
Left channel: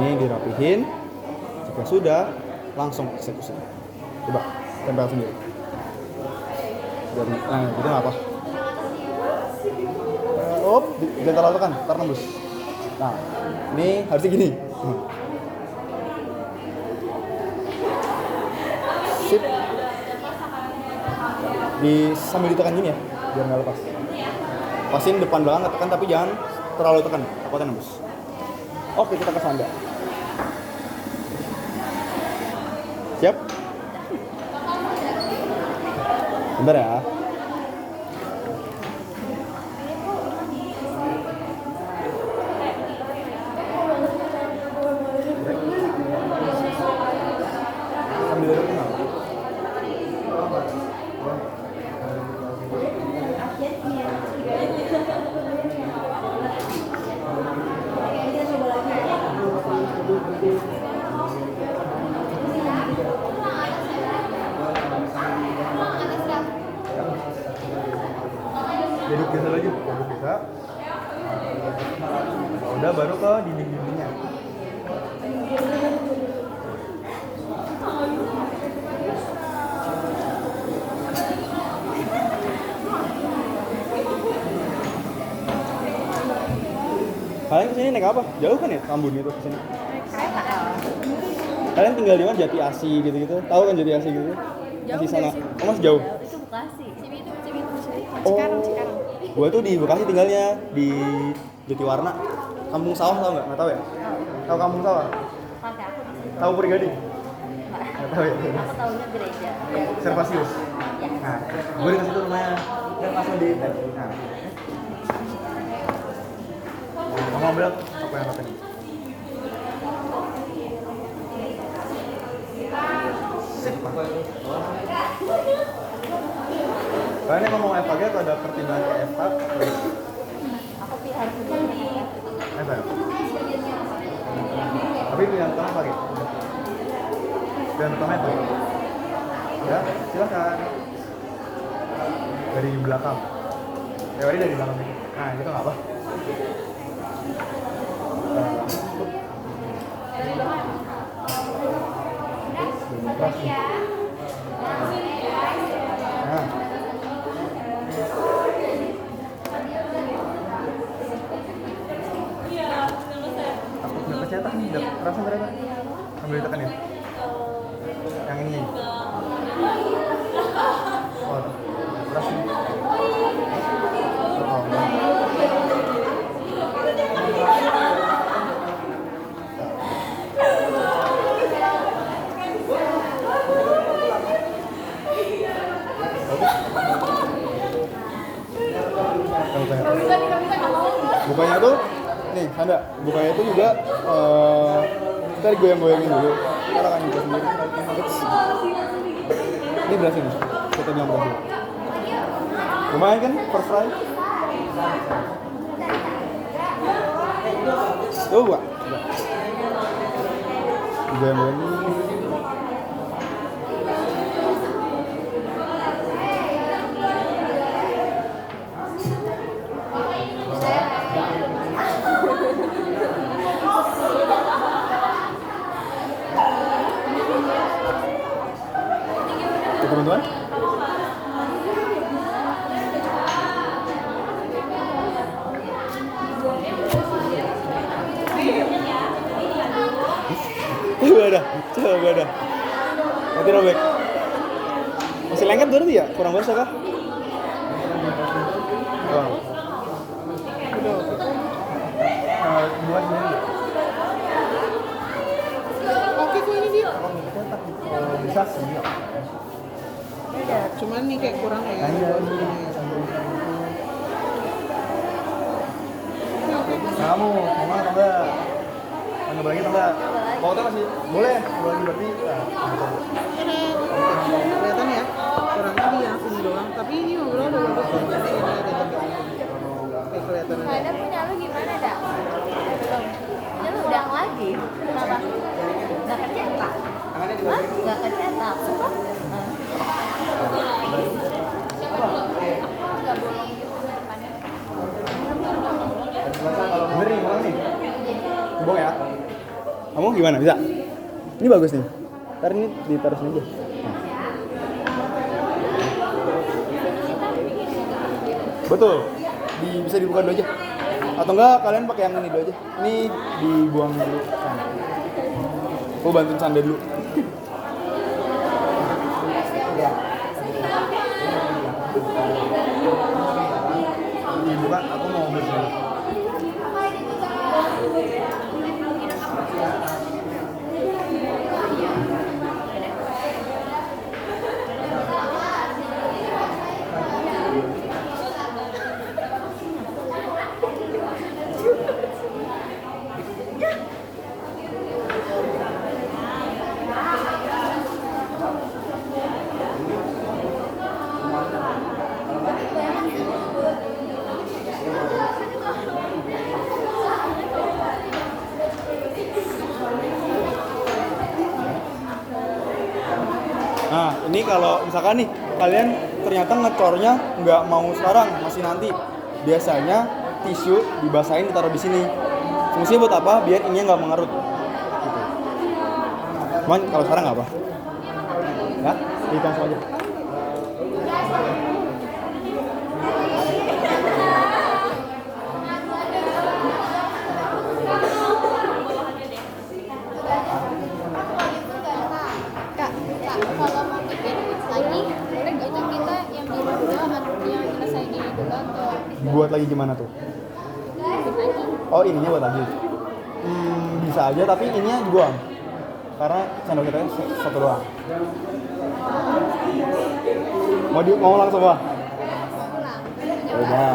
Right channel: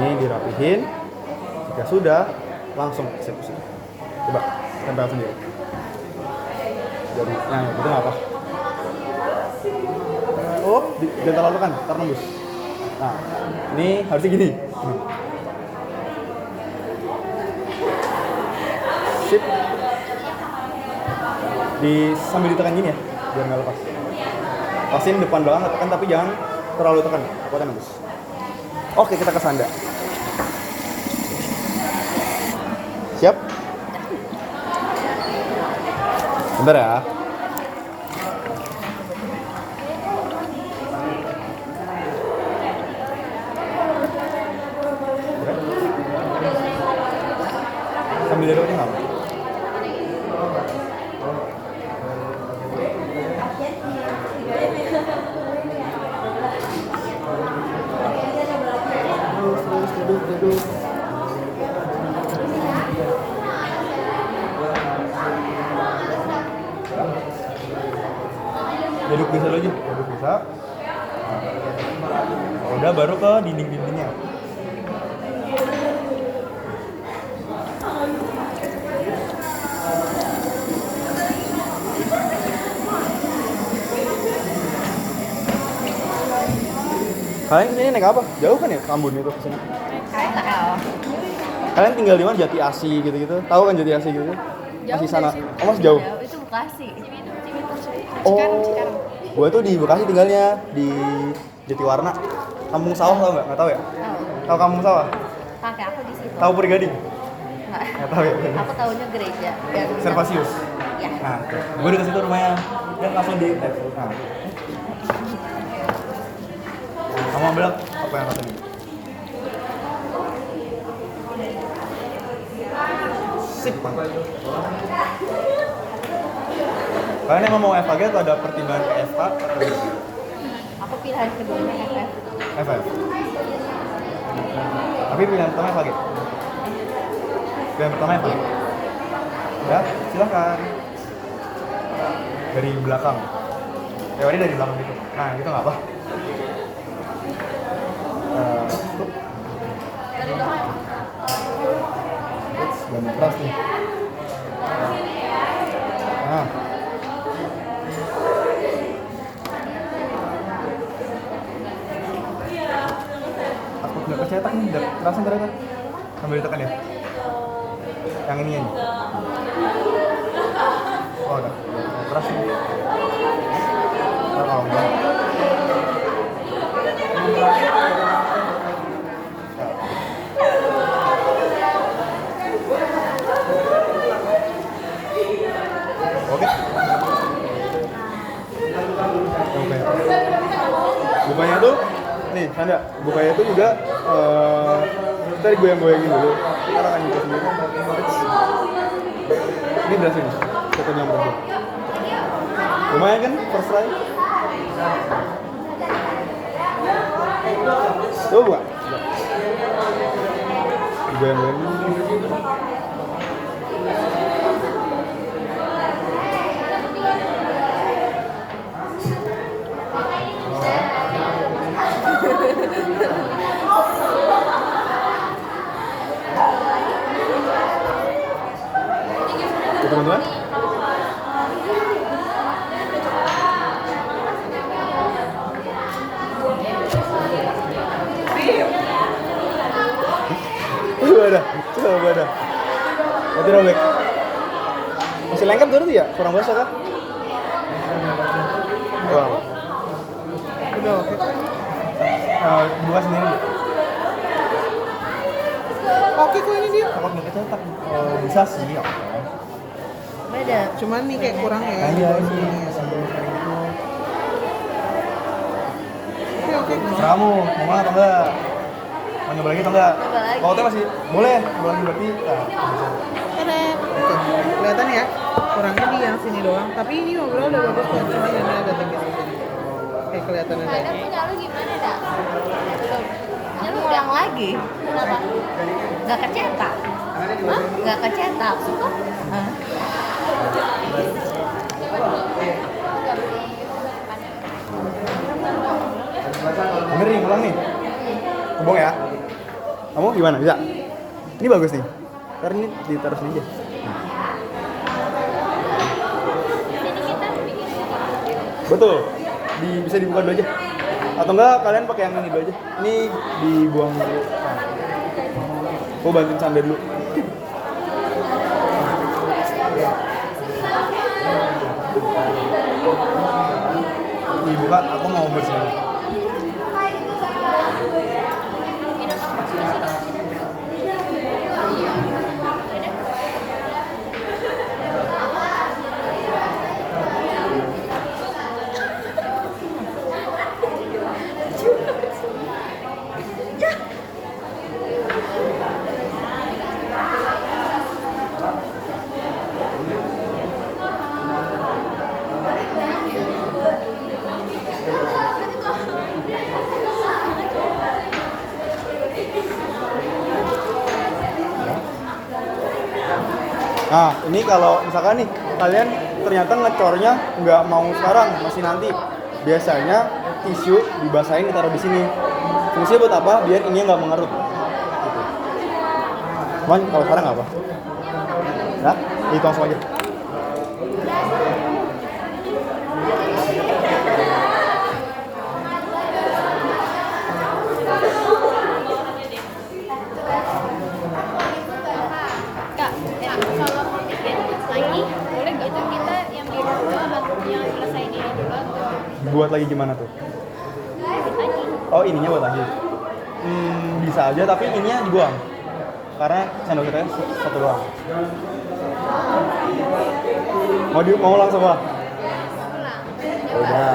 Ini dirapihin. Jika sudah, langsung eksekusi. Coba tempel sendiri. Jadi, nah itu nggak apa. Jangan terlalu kan, ntar nembus. Nah, ini harusnya gini. Sip. Sambil ditekan gini ya, biar nggak lepas. Pasin depan belakang tekan, tapi jangan terlalu tekan, buat nembus. Oke, kita ke sanda. Siap? Bentar ya. Sambil duduk nggak? Duduk bisa aja, duduk bisa. Udah baru ke dinding-dindingnya. Kalian kesini naik apa? Jauh kan ya Tambun itu kesini? Kalian tinggal di mana? Jati Asih gitu-gitu? Tahu kan Jati Asih gitu? Masih sana? Oh masih jauh? Itu Bekasi. Oh, gue tuh di Bekasi tinggalnya di Jatiwarna, Kampung Sawah tau nggak? Nggak tahu ya? Tahu Kampung Sawah? Kakek aku di situ. Tahu Puri Gading? Nggak. Nggak tahu ya? Aku tahunya gereja. Servasius. Ya. Nah, gue di situ rumahnya dan langsung di. Nah, ngambil apa yang katanya? Sip. Kalian emang mau FAG atau ada pertimbangan ke FH? Aku pilihan keduanya FH. Tapi pilihan pertama FAG. Pilihan pertama FAG. Ya, silakan. Dari belakang. Teori dari belakang itu. Nah, gitu nggak apa. Dan keras nih. Nah. Takut nggak kecetak nih, nggak langsung berapa? Sambil ditekan ya. Yang ini ya. Oh, udah. Keras nih. Oh, enggak. Oke. Bukanya tuh, nih Sanda, bukanya tuh juga kita goyang-goyangin dulu. Kita akan buka sendiri. Ini berhasil nih, kita bilang berhasil. Lumayan kan, first try. Tuh buka. Goyang-goyangin. Teman-teman, coba ada. Nanti robek. Masih lengket berarti ya? Kurang basah kah? Wow. Udah oke. Buka sendiri. Oke kok ini dia. Kalau nggak kecetak, bisa sih. beda, cuman nih kayak kurang ya. Iya ini sambil itu. Kamu mau atau enggak? Mau nyoba lagi atau enggak? Kalau teh masih boleh, coba lagi berarti. Kelihatan ya, kurangnya di yang sini doang. Tapi ini ngobrol udah bagus kok, cuma ini agak tebal. Kayak kelihatan aja. Ada punya lu gimana dak? Belum. Punya lu udah Lagi, kenapa? nggak kecetak. Hah? Nggak kecetak. Suka? Ngeri, ulang nih. Kebong ya. Kamu gimana? Bisa? Ini bagus nih. Ntar ini ditaruh sini aja. Nah. Betul. Bisa dibuka dulu aja. Atau enggak kalian pakai yang ini dulu aja. Ini dibuang dulu. Aku bantuin Sanda dulu. Dibuka, aku mau bersih. Nah, ini kalau misalkan nih kalian ternyata ngecornya nggak mau sekarang, masih nanti. Biasanya tisu dibasahin ditaruh di sini. Fungsinya buat apa? Biar ini nggak mengerut. Gitu. Cuman kalau sekarang nggak apa. Ya, itu langsung aja. Kalau mau bikin lagi boleh nggak tuh kita yang biru dulu atau yang selesai ini dulu atau Buat lagi gimana tuh? lagi? Oh, ininya buat lagi. Bisa aja tapi ininya dibuang. Karena sandal kita satu doang. Mau langsung Pak? Pulang. Udah.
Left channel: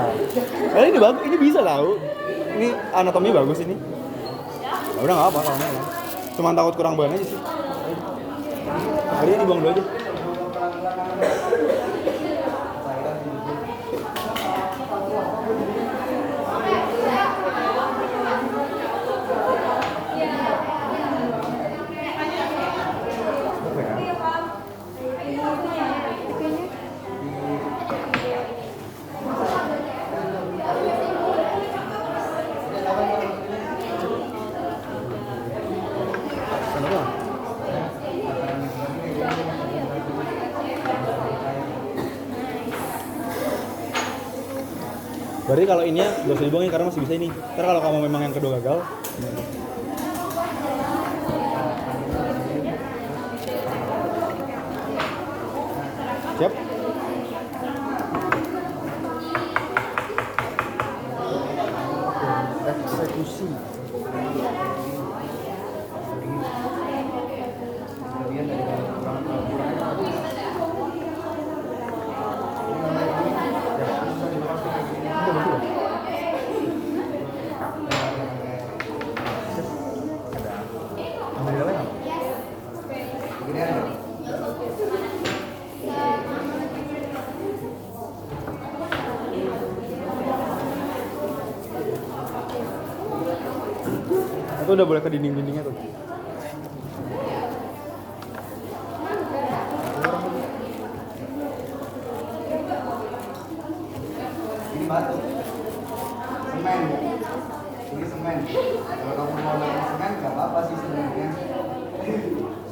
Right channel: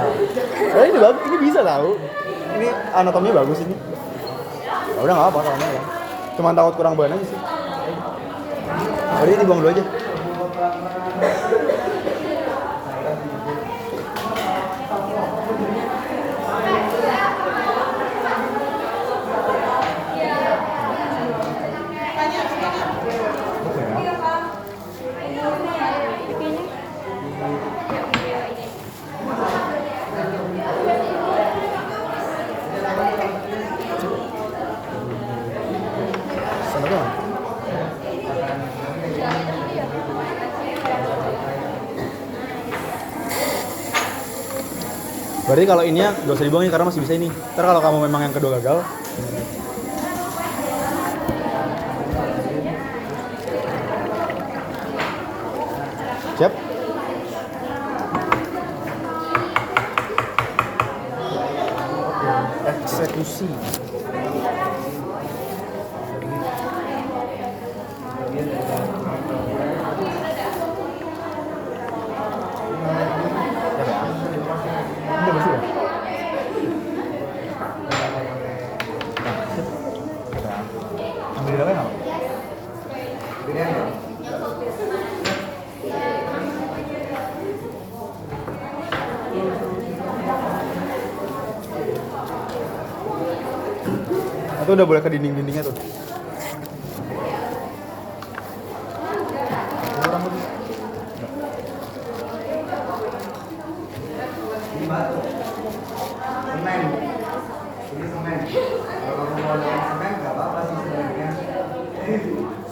Ini bagus, ini bisa tahu. ini anatominya bagus ini. Ya udah nggak apa kalau nggak. Cuma takut kurang bahan aja sih. Tadi dibuang dulu aja. Sendoknya mana? Berarti kalau ininya gak usah dibuangin karena masih bisa ini. Ntar kalau kamu memang yang kedua gagal, siap? Eksekusi. Ini bersih ya? Ambil di dalam. Itu udah boleh ke dinding-dindingnya tuh. Ini batu. Semen. Ini semen. Kalau kamu mau dengan semen nggak apa-apa sih sebenarnya.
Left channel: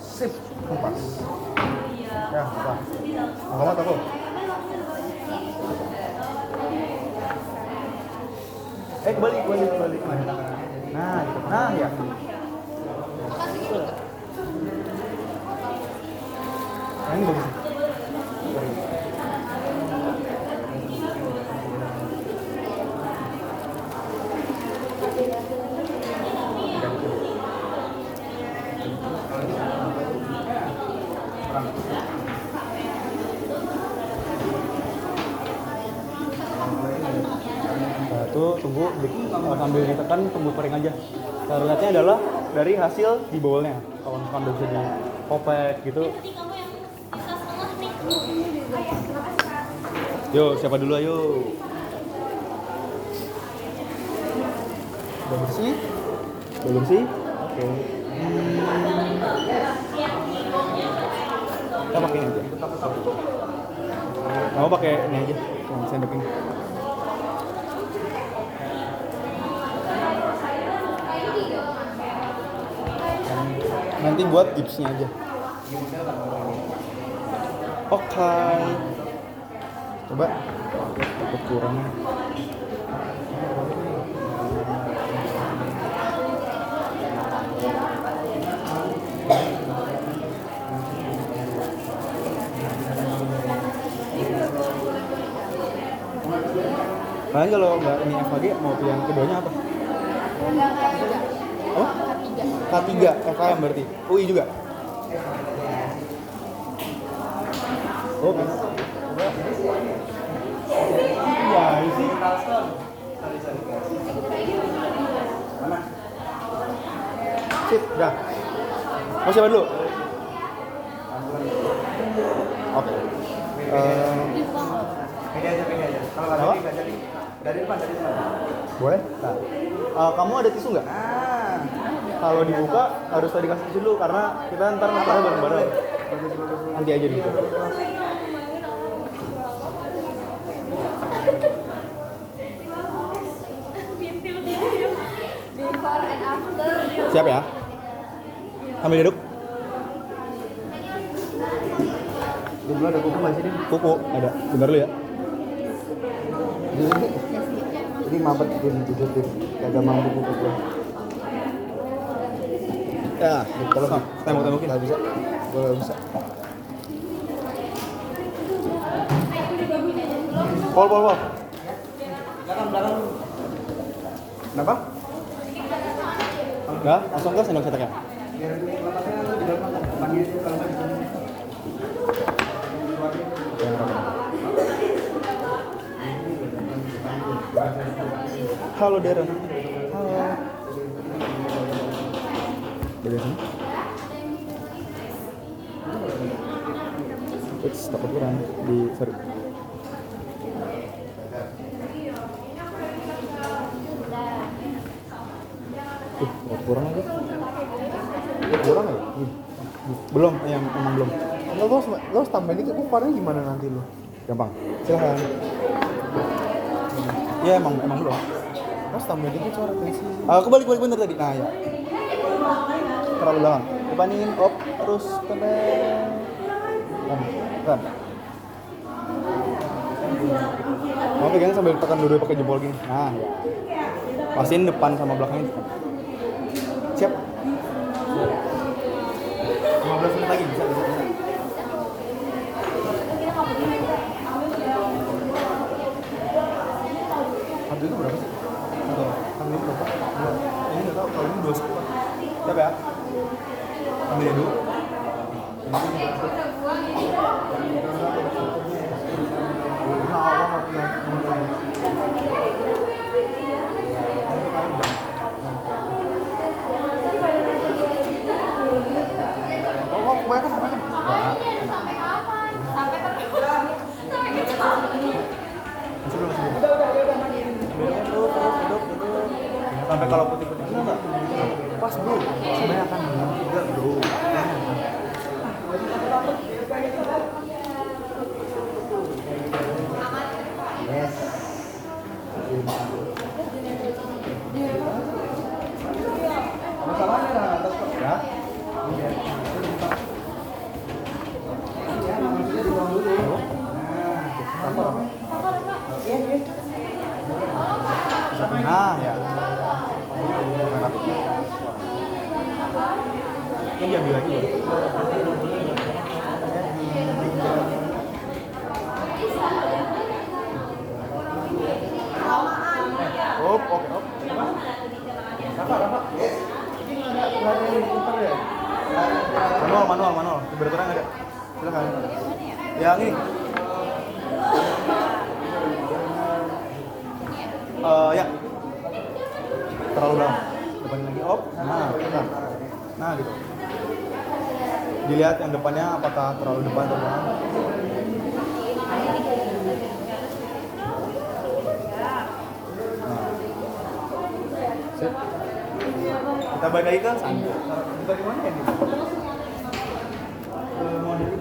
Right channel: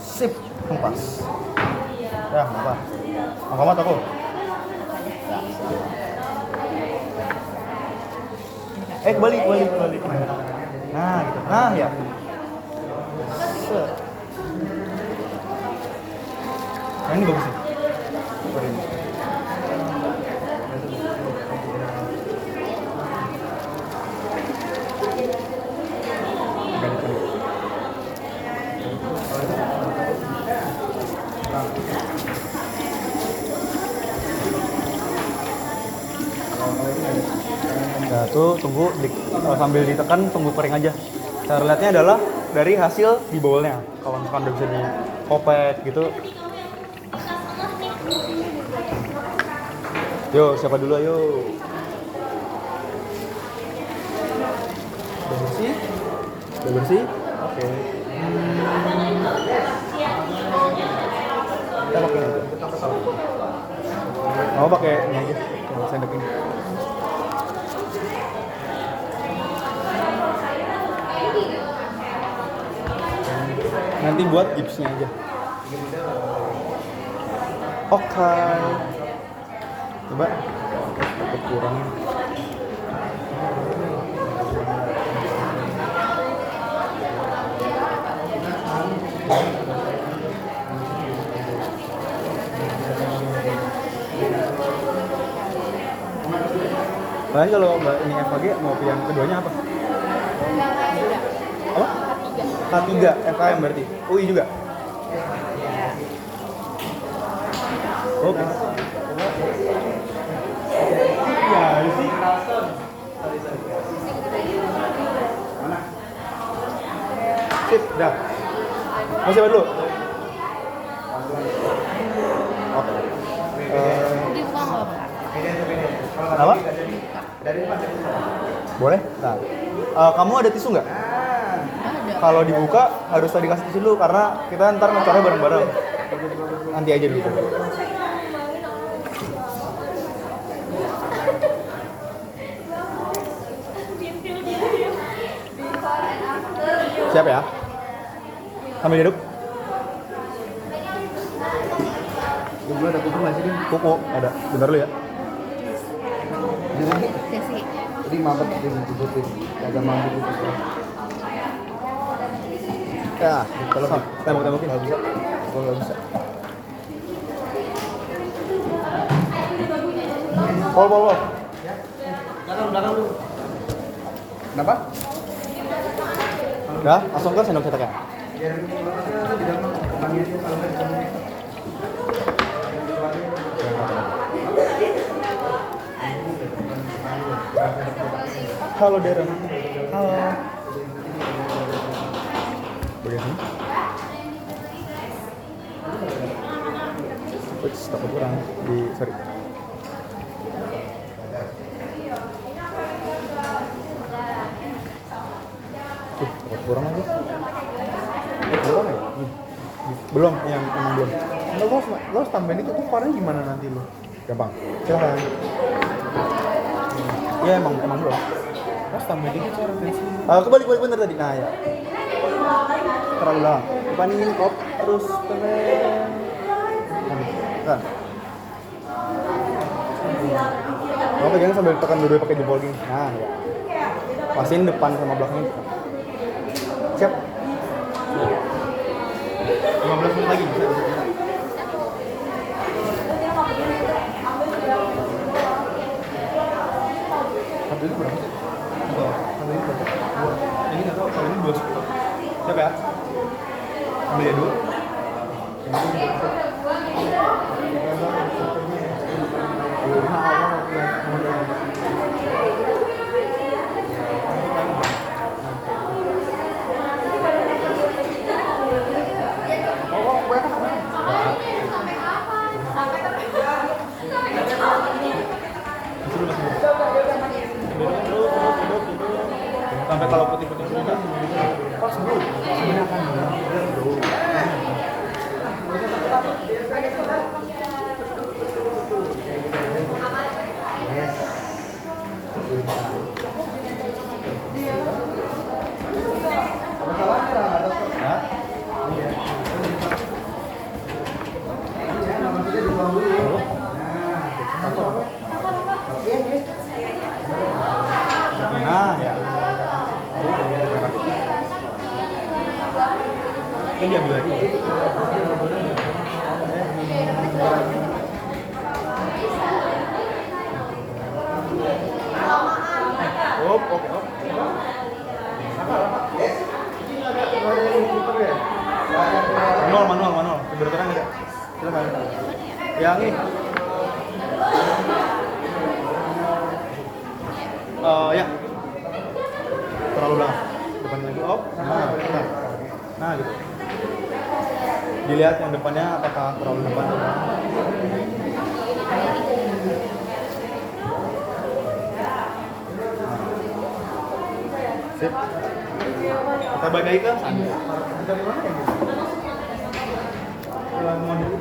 Sip, pas. Ya, apa? Muhammad aku. Kebalik. Nah, gitu. Nah, ya. Set. Nah, ini bagus sih. Nah, tuh tunggu sambil ditekan, tunggu kering aja. Cara lihatnya adalah dari hasil di bowlnya. Kalau misalkan udah bisa dikopek gitu. Yo, siapa dulu ayo? Udah bersih? Udah bersih? Oke. Kita pakai ini aja. Mau pakai ini aja, sendok ini. Nanti buat gipsnya aja. Oke. Coba. Takut kurang. Nah, kalau Mbak ini FKG mau pilih yang keduanya apa? Oh? K3 FKM berarti. UI juga. Oke. Coba. Iya, sih. Mana? Sip, dah. Mau siapa dulu? Oke. Apa? Boleh? Nah. Kamu ada tisu nggak? Kalau dibuka harus tadi kasih tisu dulu karena kita ntar ngecornya bareng-bareng. Nanti aja dulu. Siap ya? Sambil duduk. Dulu ada kuku nggak sih? Kuku ada. Bentar dulu ya. Jadi mampet dibutuhin. Ada mampu kuku. Ya, kalau tembok-tembokin nggak bisa. Gue nggak bisa. Pol. Belakang dulu. Kenapa? Udah, langsung ke sendok cetaknya. Biar ini bakatnya di dalam kembangnya itu kalau nggak di dalam. Halo Darren. bagian sini. Ups, takut kurang di sorry. Takut kurang aja. Belum ya? Belum, yang emang belum. Lo tambahin itu tuh warnanya gimana nanti lo? Gampang. Silahkan. Iya emang belum. Mas tambahin dikit cara pensi. Aku balik bener tadi. Nah ya. Terlalu belakang. Depanin op terus keren. Kan. Kamu pegangnya sambil tekan dua-dua pakai jempol gini. Nah ya. Pastiin depan sama belakangnya. Siap. 15 menit lagi bisa. Ini berapa sih? Ini berapa? Ini nggak tahu. Kalau ini 2 sekuat. Siap ya? Ambil dulu. Sampai kalau putih-putih ini enggak pas bro. Ini akan benar bro. Yes. Masalahnya ya. Iya. Nah, ya. Ini diambil lagi ya? Op. Manual. Keberaturan ada. Silakan. Yang ini. Ya. Terlalu dalam. Depannya op. Nah, gitu. Dilihat yang depannya apakah terlalu depan atau enggak. Sip. Kita bagi ke sana. Kita di mana ya gitu? Mau dulu.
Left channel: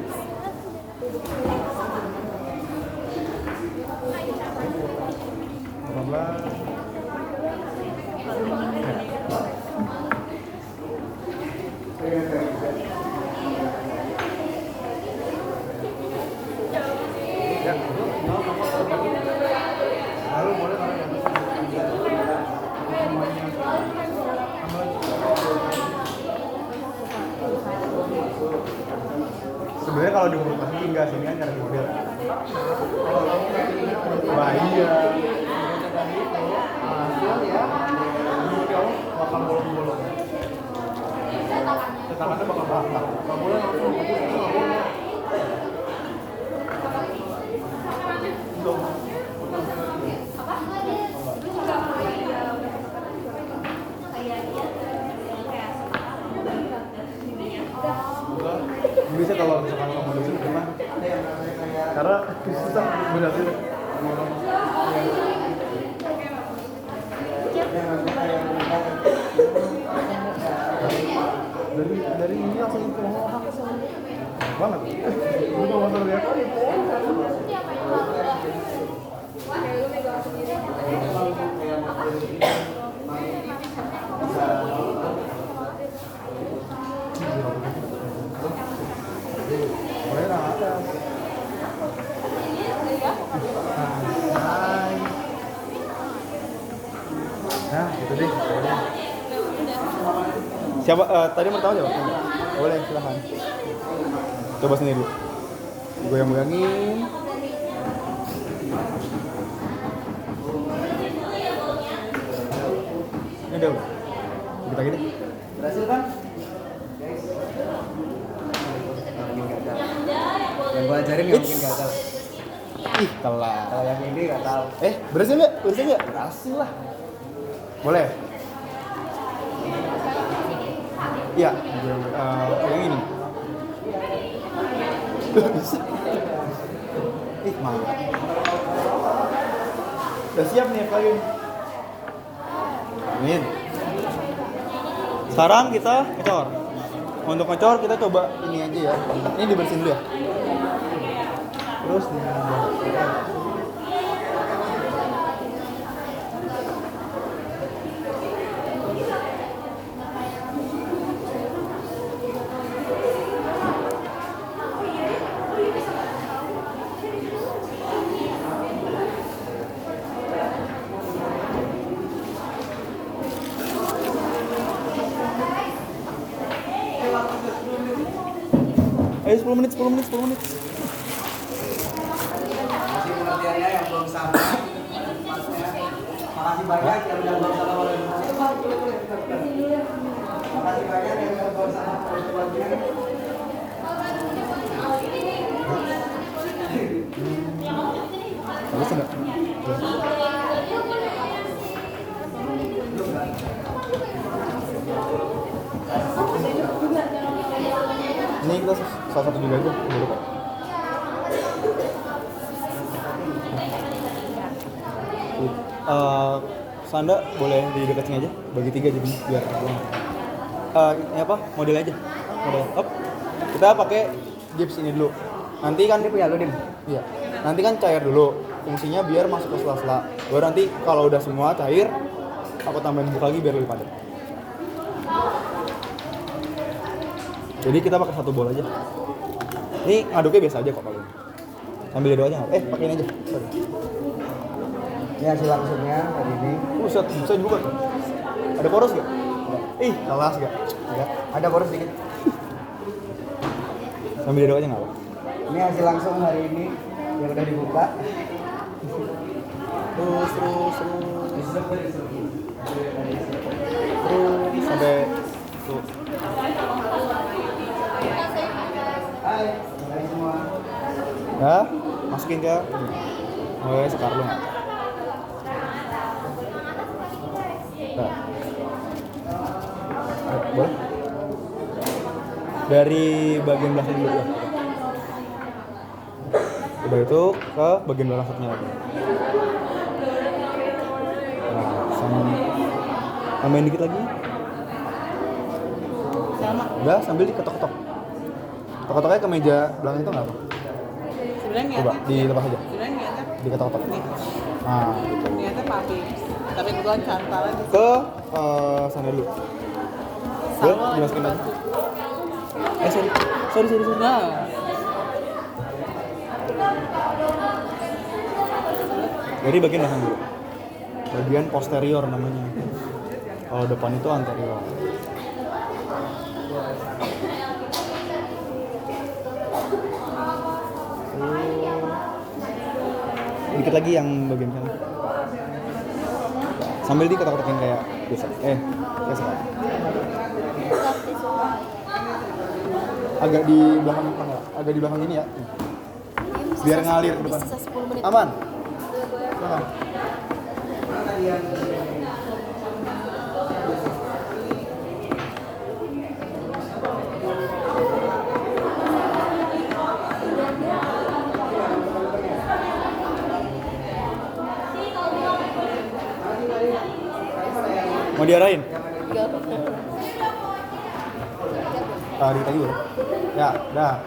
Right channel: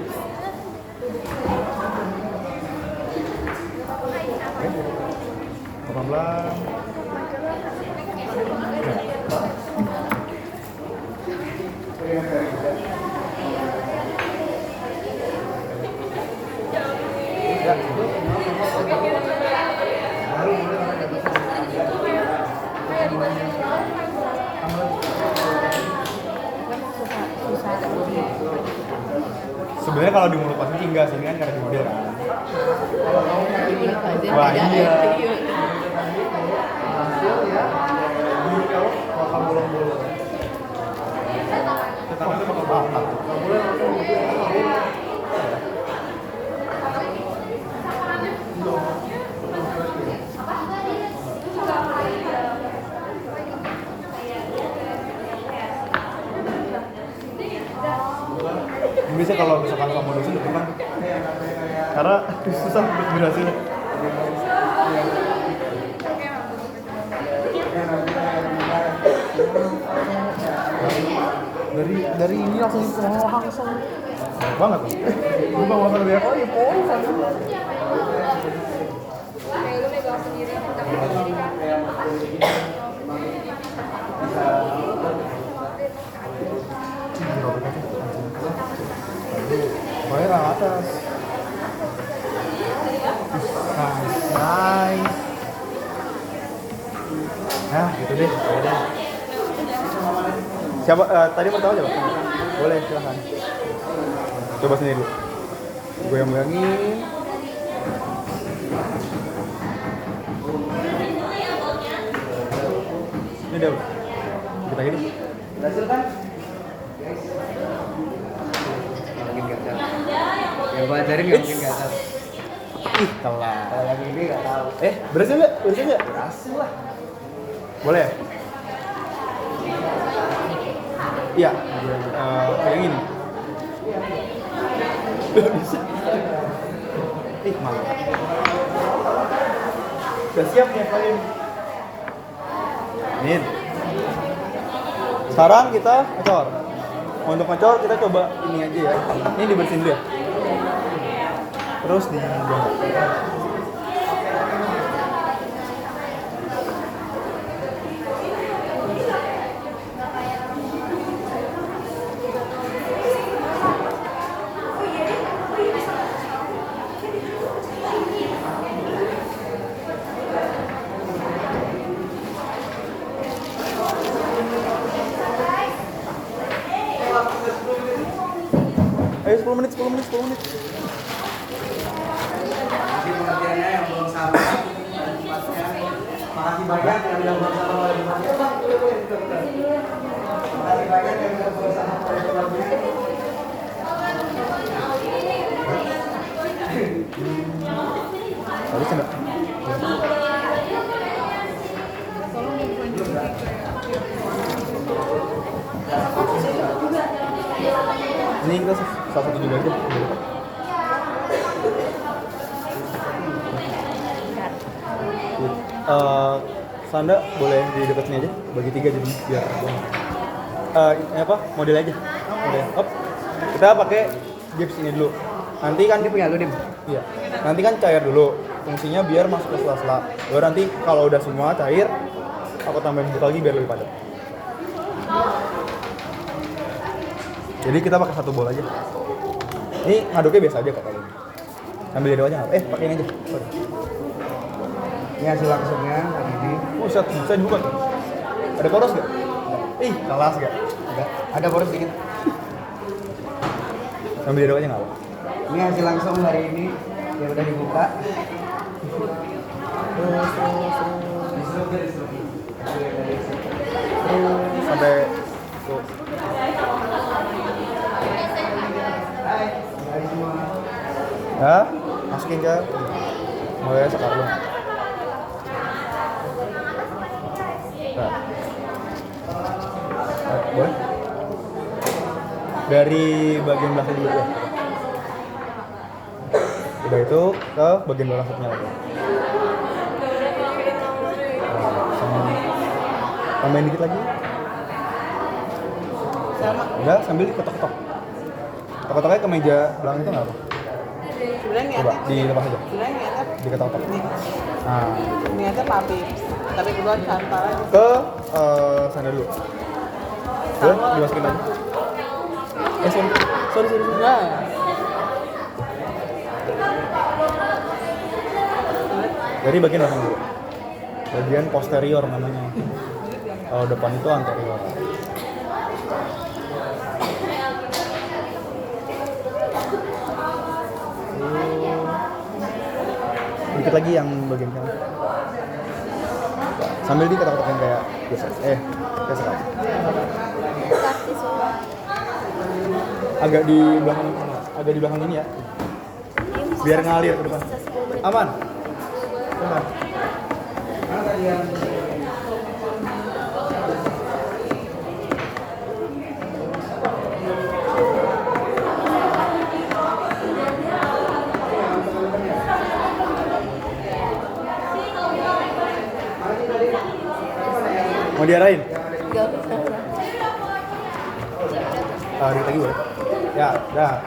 Sebenarnya kalau di mulut pasti enggak sih, ini kan karena model kan. Wah iya. Makan bolong-bolong. Kita nanti bakal bakar. Bisa kalau misalkan kamu dosen gimana? Karena susah berhasil. Dari ini langsung ke langsung. Banget. Lu bawa motor biar apa ya? Atas. Nice. Nah, gitu deh. Siapa tadi mau tahu nggak? Boleh, silahkan. Coba sendiri. Gue yang bilangin. Ini deh. Kita gini. Berhasil kan? Yang gue ajarin yang mungkin ke atas. Ih, telat. Kalau yang ini nggak tahu. Berhasil nggak? Berhasil lah. Boleh. Iya, yang ini. Bisa. Maaf. Udah siap nih kalian. Amin. Sekarang kita ngecor. Untuk ngecor kita coba ini aja ya. Ini dibersihin dulu ya. Terus ayo 10 menit. Masih pengertiannya yang belum sabar. Makasih banyak yang udah bersama oleh Makasih banyak yang udah bersama oleh keluarga. habis enggak? Ini kita salah satu juga aja. Sanda boleh di dekat sini aja, bagi 3 jadi biar ini apa? Model aja. Model. Hop. Kita pakai gips ini dulu. Nanti kan Punya lu, Dim? iya. Nanti kan cair dulu. Fungsinya biar masuk ke sela-sela. Baru nanti kalau udah semua cair, aku tambahin bubuk lagi biar lebih padat. Jadi kita pakai 1 bola aja. Ini ngaduknya biasa aja kok kalau. Sambil jadwal aja nggak? Pakai ini aja. Sorry. Ini hasil langsungnya tadi ini. Set, bisa dibuka. Ada poros nggak? Ih, kelas nggak? Ada boros dikit. Sambil jadwal aja nggak apa? Ini hasil langsung hari ini yang udah dibuka. Terus sampai tuh. Hai semua. Ya, masukin ke mulai sekarang. Nah. Boleh? Dari bagian belakang dulu ya. Udah itu ke bagian belakang supnya lagi. Tambahin dikit lagi. Sama. Udah, sambil diketok-ketok. Ketok-ketoknya ke meja belakang itu nggak apa? Sebenarnya Coba dilepas aja. Sebenarnya niatnya Diketok-ketok. Nah, gitu. niatnya papi. Tapi kedua cantal. Ke sana dulu. Boleh dimasukin aja. Sorry. Nah. Dari bagian belakang dulu. Bagian posterior namanya. Kalau depan itu anterior. Dikit lagi yang bagian kanan. Sambil diketok-ketokin kayak biasa. Biasa kan. Agak di belakang kanan. Agak di belakang ini ya. Biar ngalir ke depan. Aman. Aman. Mau diarahin? Dikit lagi boleh? Ya, dah.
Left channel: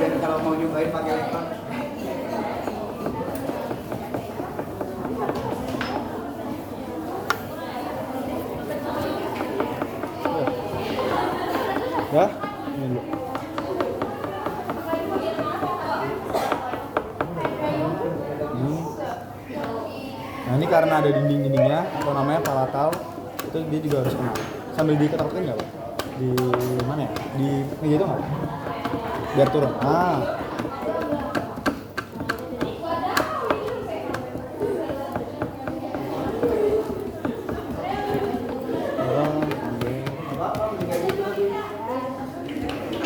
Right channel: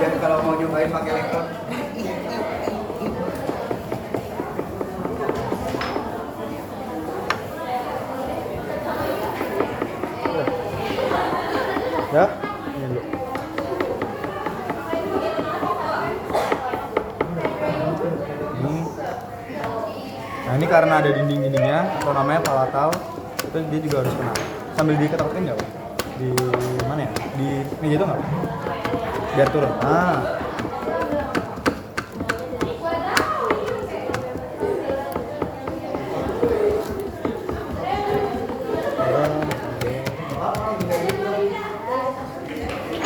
Dan kalau mau nyobain pakai lekron. Ya, ini dulu. Nah ini karena ada dinding-dindingnya atau namanya palatal, itu dia juga harus kena. Sambil diketok-ketokin nggak Pak? Di mana ya? Di meja itu nggak? Biar turun. Ah.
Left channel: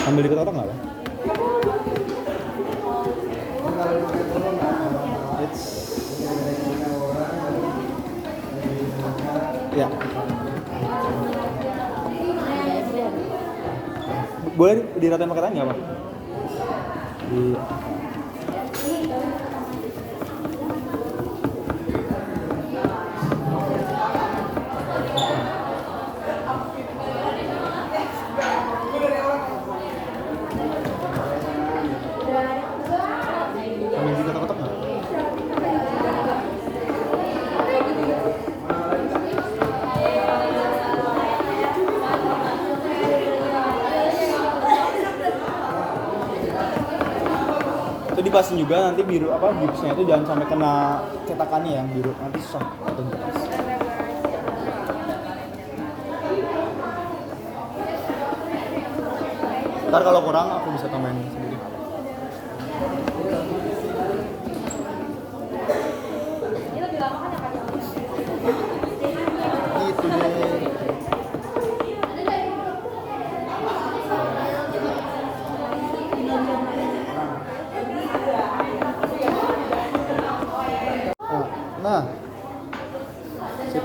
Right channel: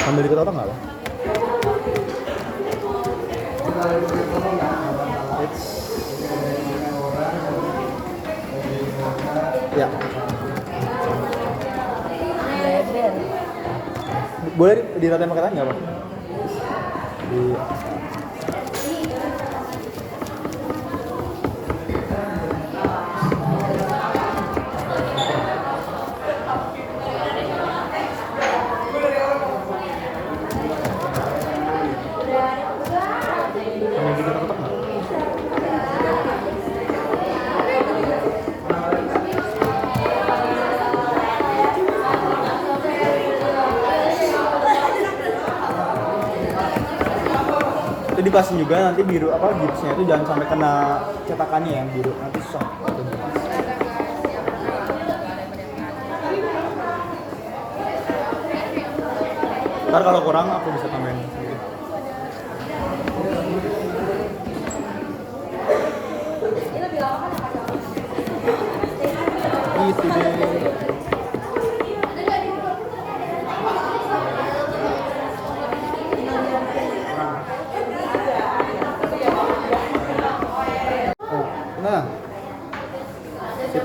Sambil diketok nggak Pak? Ya. Boleh diratain pakai tangan nggak Pak? Di itu dipasin juga nanti biru apa gipsnya itu jangan sampai kena cetakannya yang biru, nanti susah. Ntar kalau kurang aku bisa tambahin sendiri. Gitu deh. Nah, sip.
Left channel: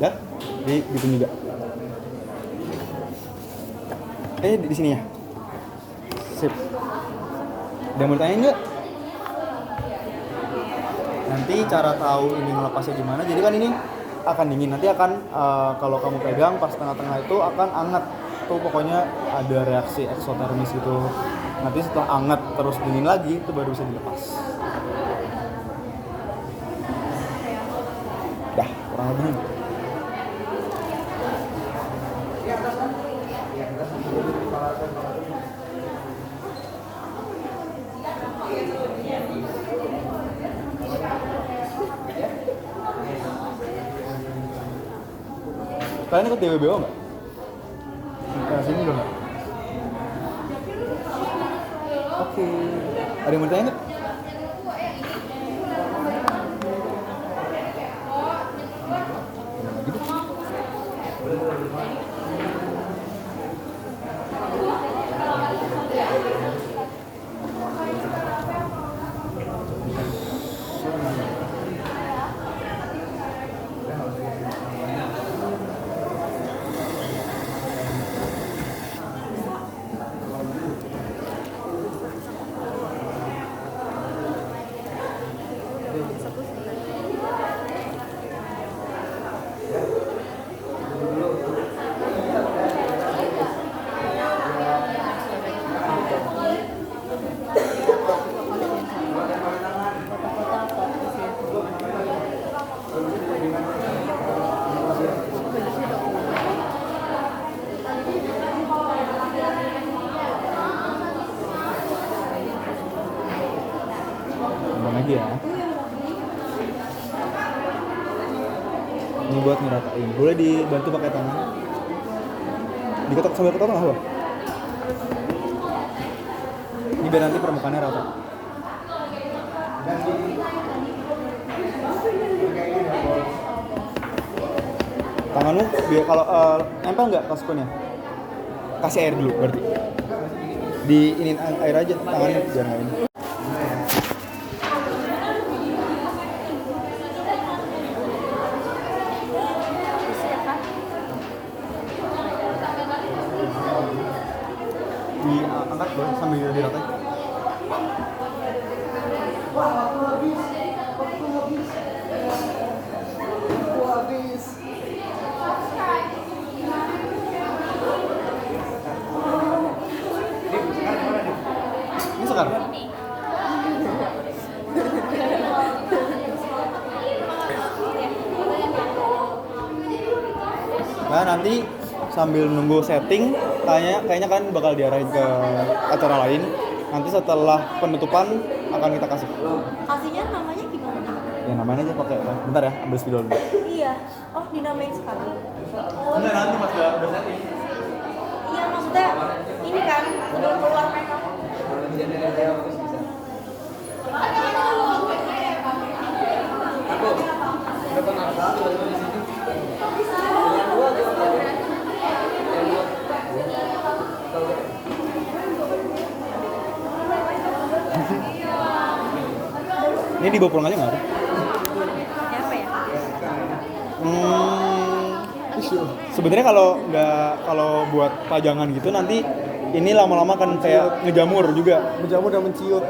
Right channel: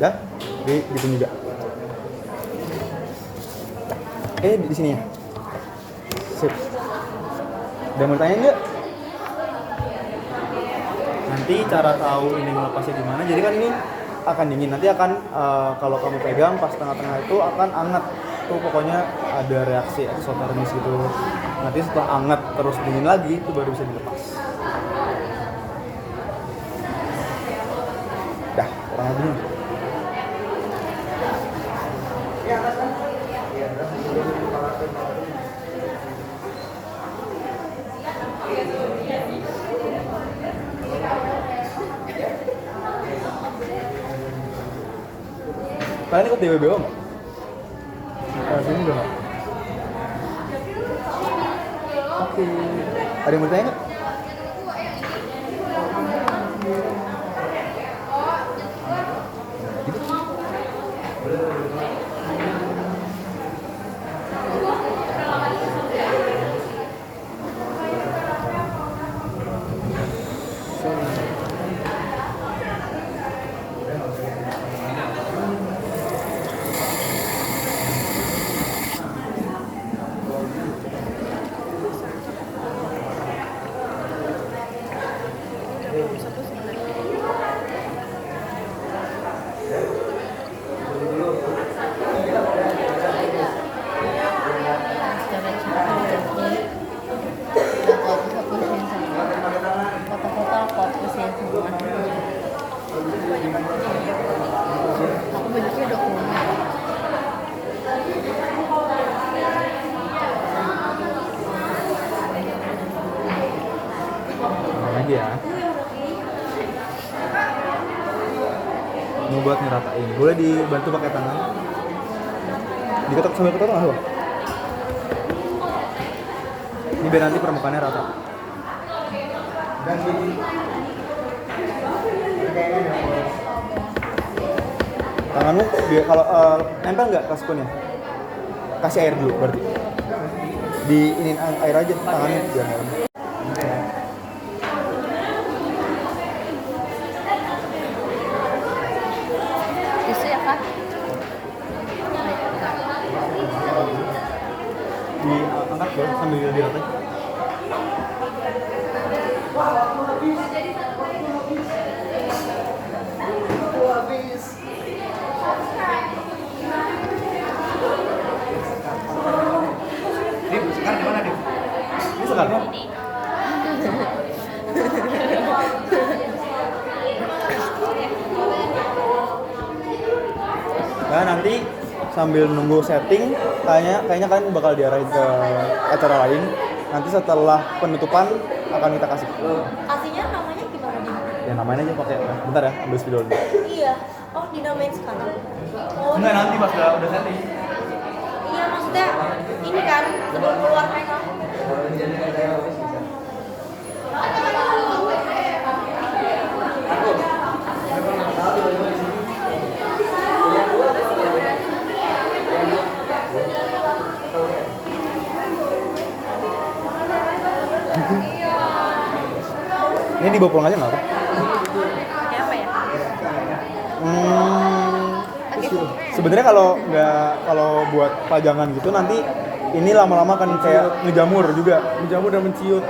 Dah, di sini juga. Di sini ya. Sip. Udah mau tanya nggak? Nanti cara tahu ini melepasnya gimana? Jadi kan ini akan dingin, nanti akan kalau kamu pegang pas tengah-tengah itu akan anget tuh, pokoknya ada reaksi eksotermis gitu. Nanti setelah anget terus dingin lagi itu baru bisa dilepas. Dah, kurang lebih. Kalian ikut DWBO nggak? Sini udah nggak? Oke. Ada yang mau tanya nggak? Lagi ya. Ini buat ngeratain. Boleh dibantu pakai tangan. Diketok sambil ketok nggak Bang? Ini biar nanti permukaannya rata. Tanganmu biar kalau nempel nggak ke spoonnya? Kasih air dulu berarti. Di ini air aja tangannya biar nggak ini. Diangkat dong sambil diratain. Ini sekarang. Nah, sambil nunggu setting, kayaknya kalian bakal diarahin ke acara lain. Nanti setelah penutupan akan kita kasih. Kasihnya namanya gimana nih? Ya namanya aja pakai. Bentar ya, ambil spidol dulu. Iya. Oh, dinamain sekarang. Oh, Enggak, nanti pas udah setting. iya maksudnya ini kan sebelum keluar mereka. Ini dibawa pulang aja nggak apa? Kayak apa ya? Sebenarnya kalau buat pajangan gitu nanti ini lama-lama kan kayak ngejamur dan menciut.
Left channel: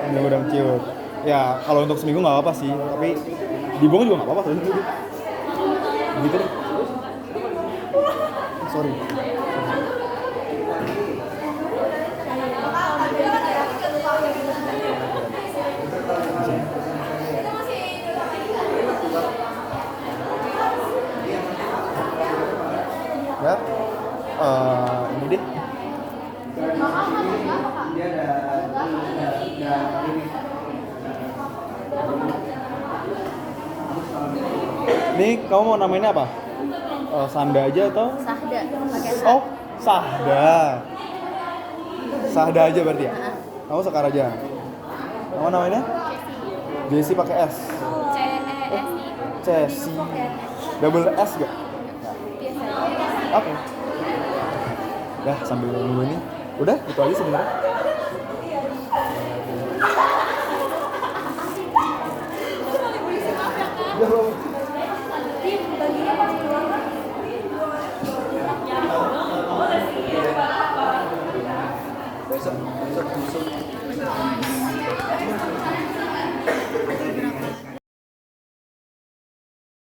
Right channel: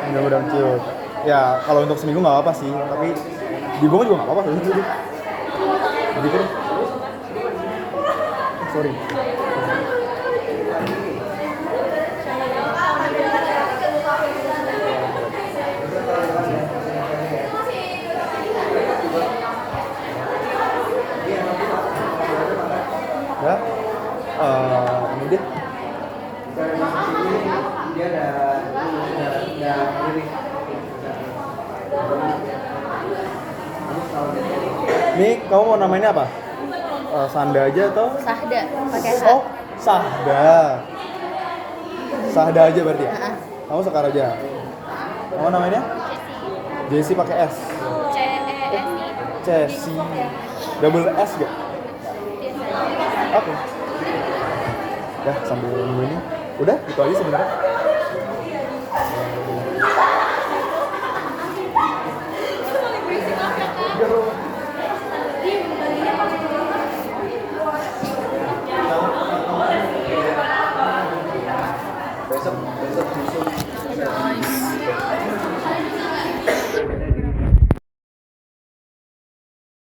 Ya kalau untuk seminggu nggak apa sih, tapi dibuang juga nggak apa-apa gitu deh. Sorry. Ya, ini deh. Dia ada Nih, kamu mau namainnya apa? Sanda aja atau? Sahda pakai H. Oh, Sahda. Sahda aja berarti ya? Kamu Sekar aja. Kamu namanya? Jessie pakai S. CESI. Cesi. Double S gak? Oke. Dah sambil nunggu ini. Udah, itu aja sebenarnya. besok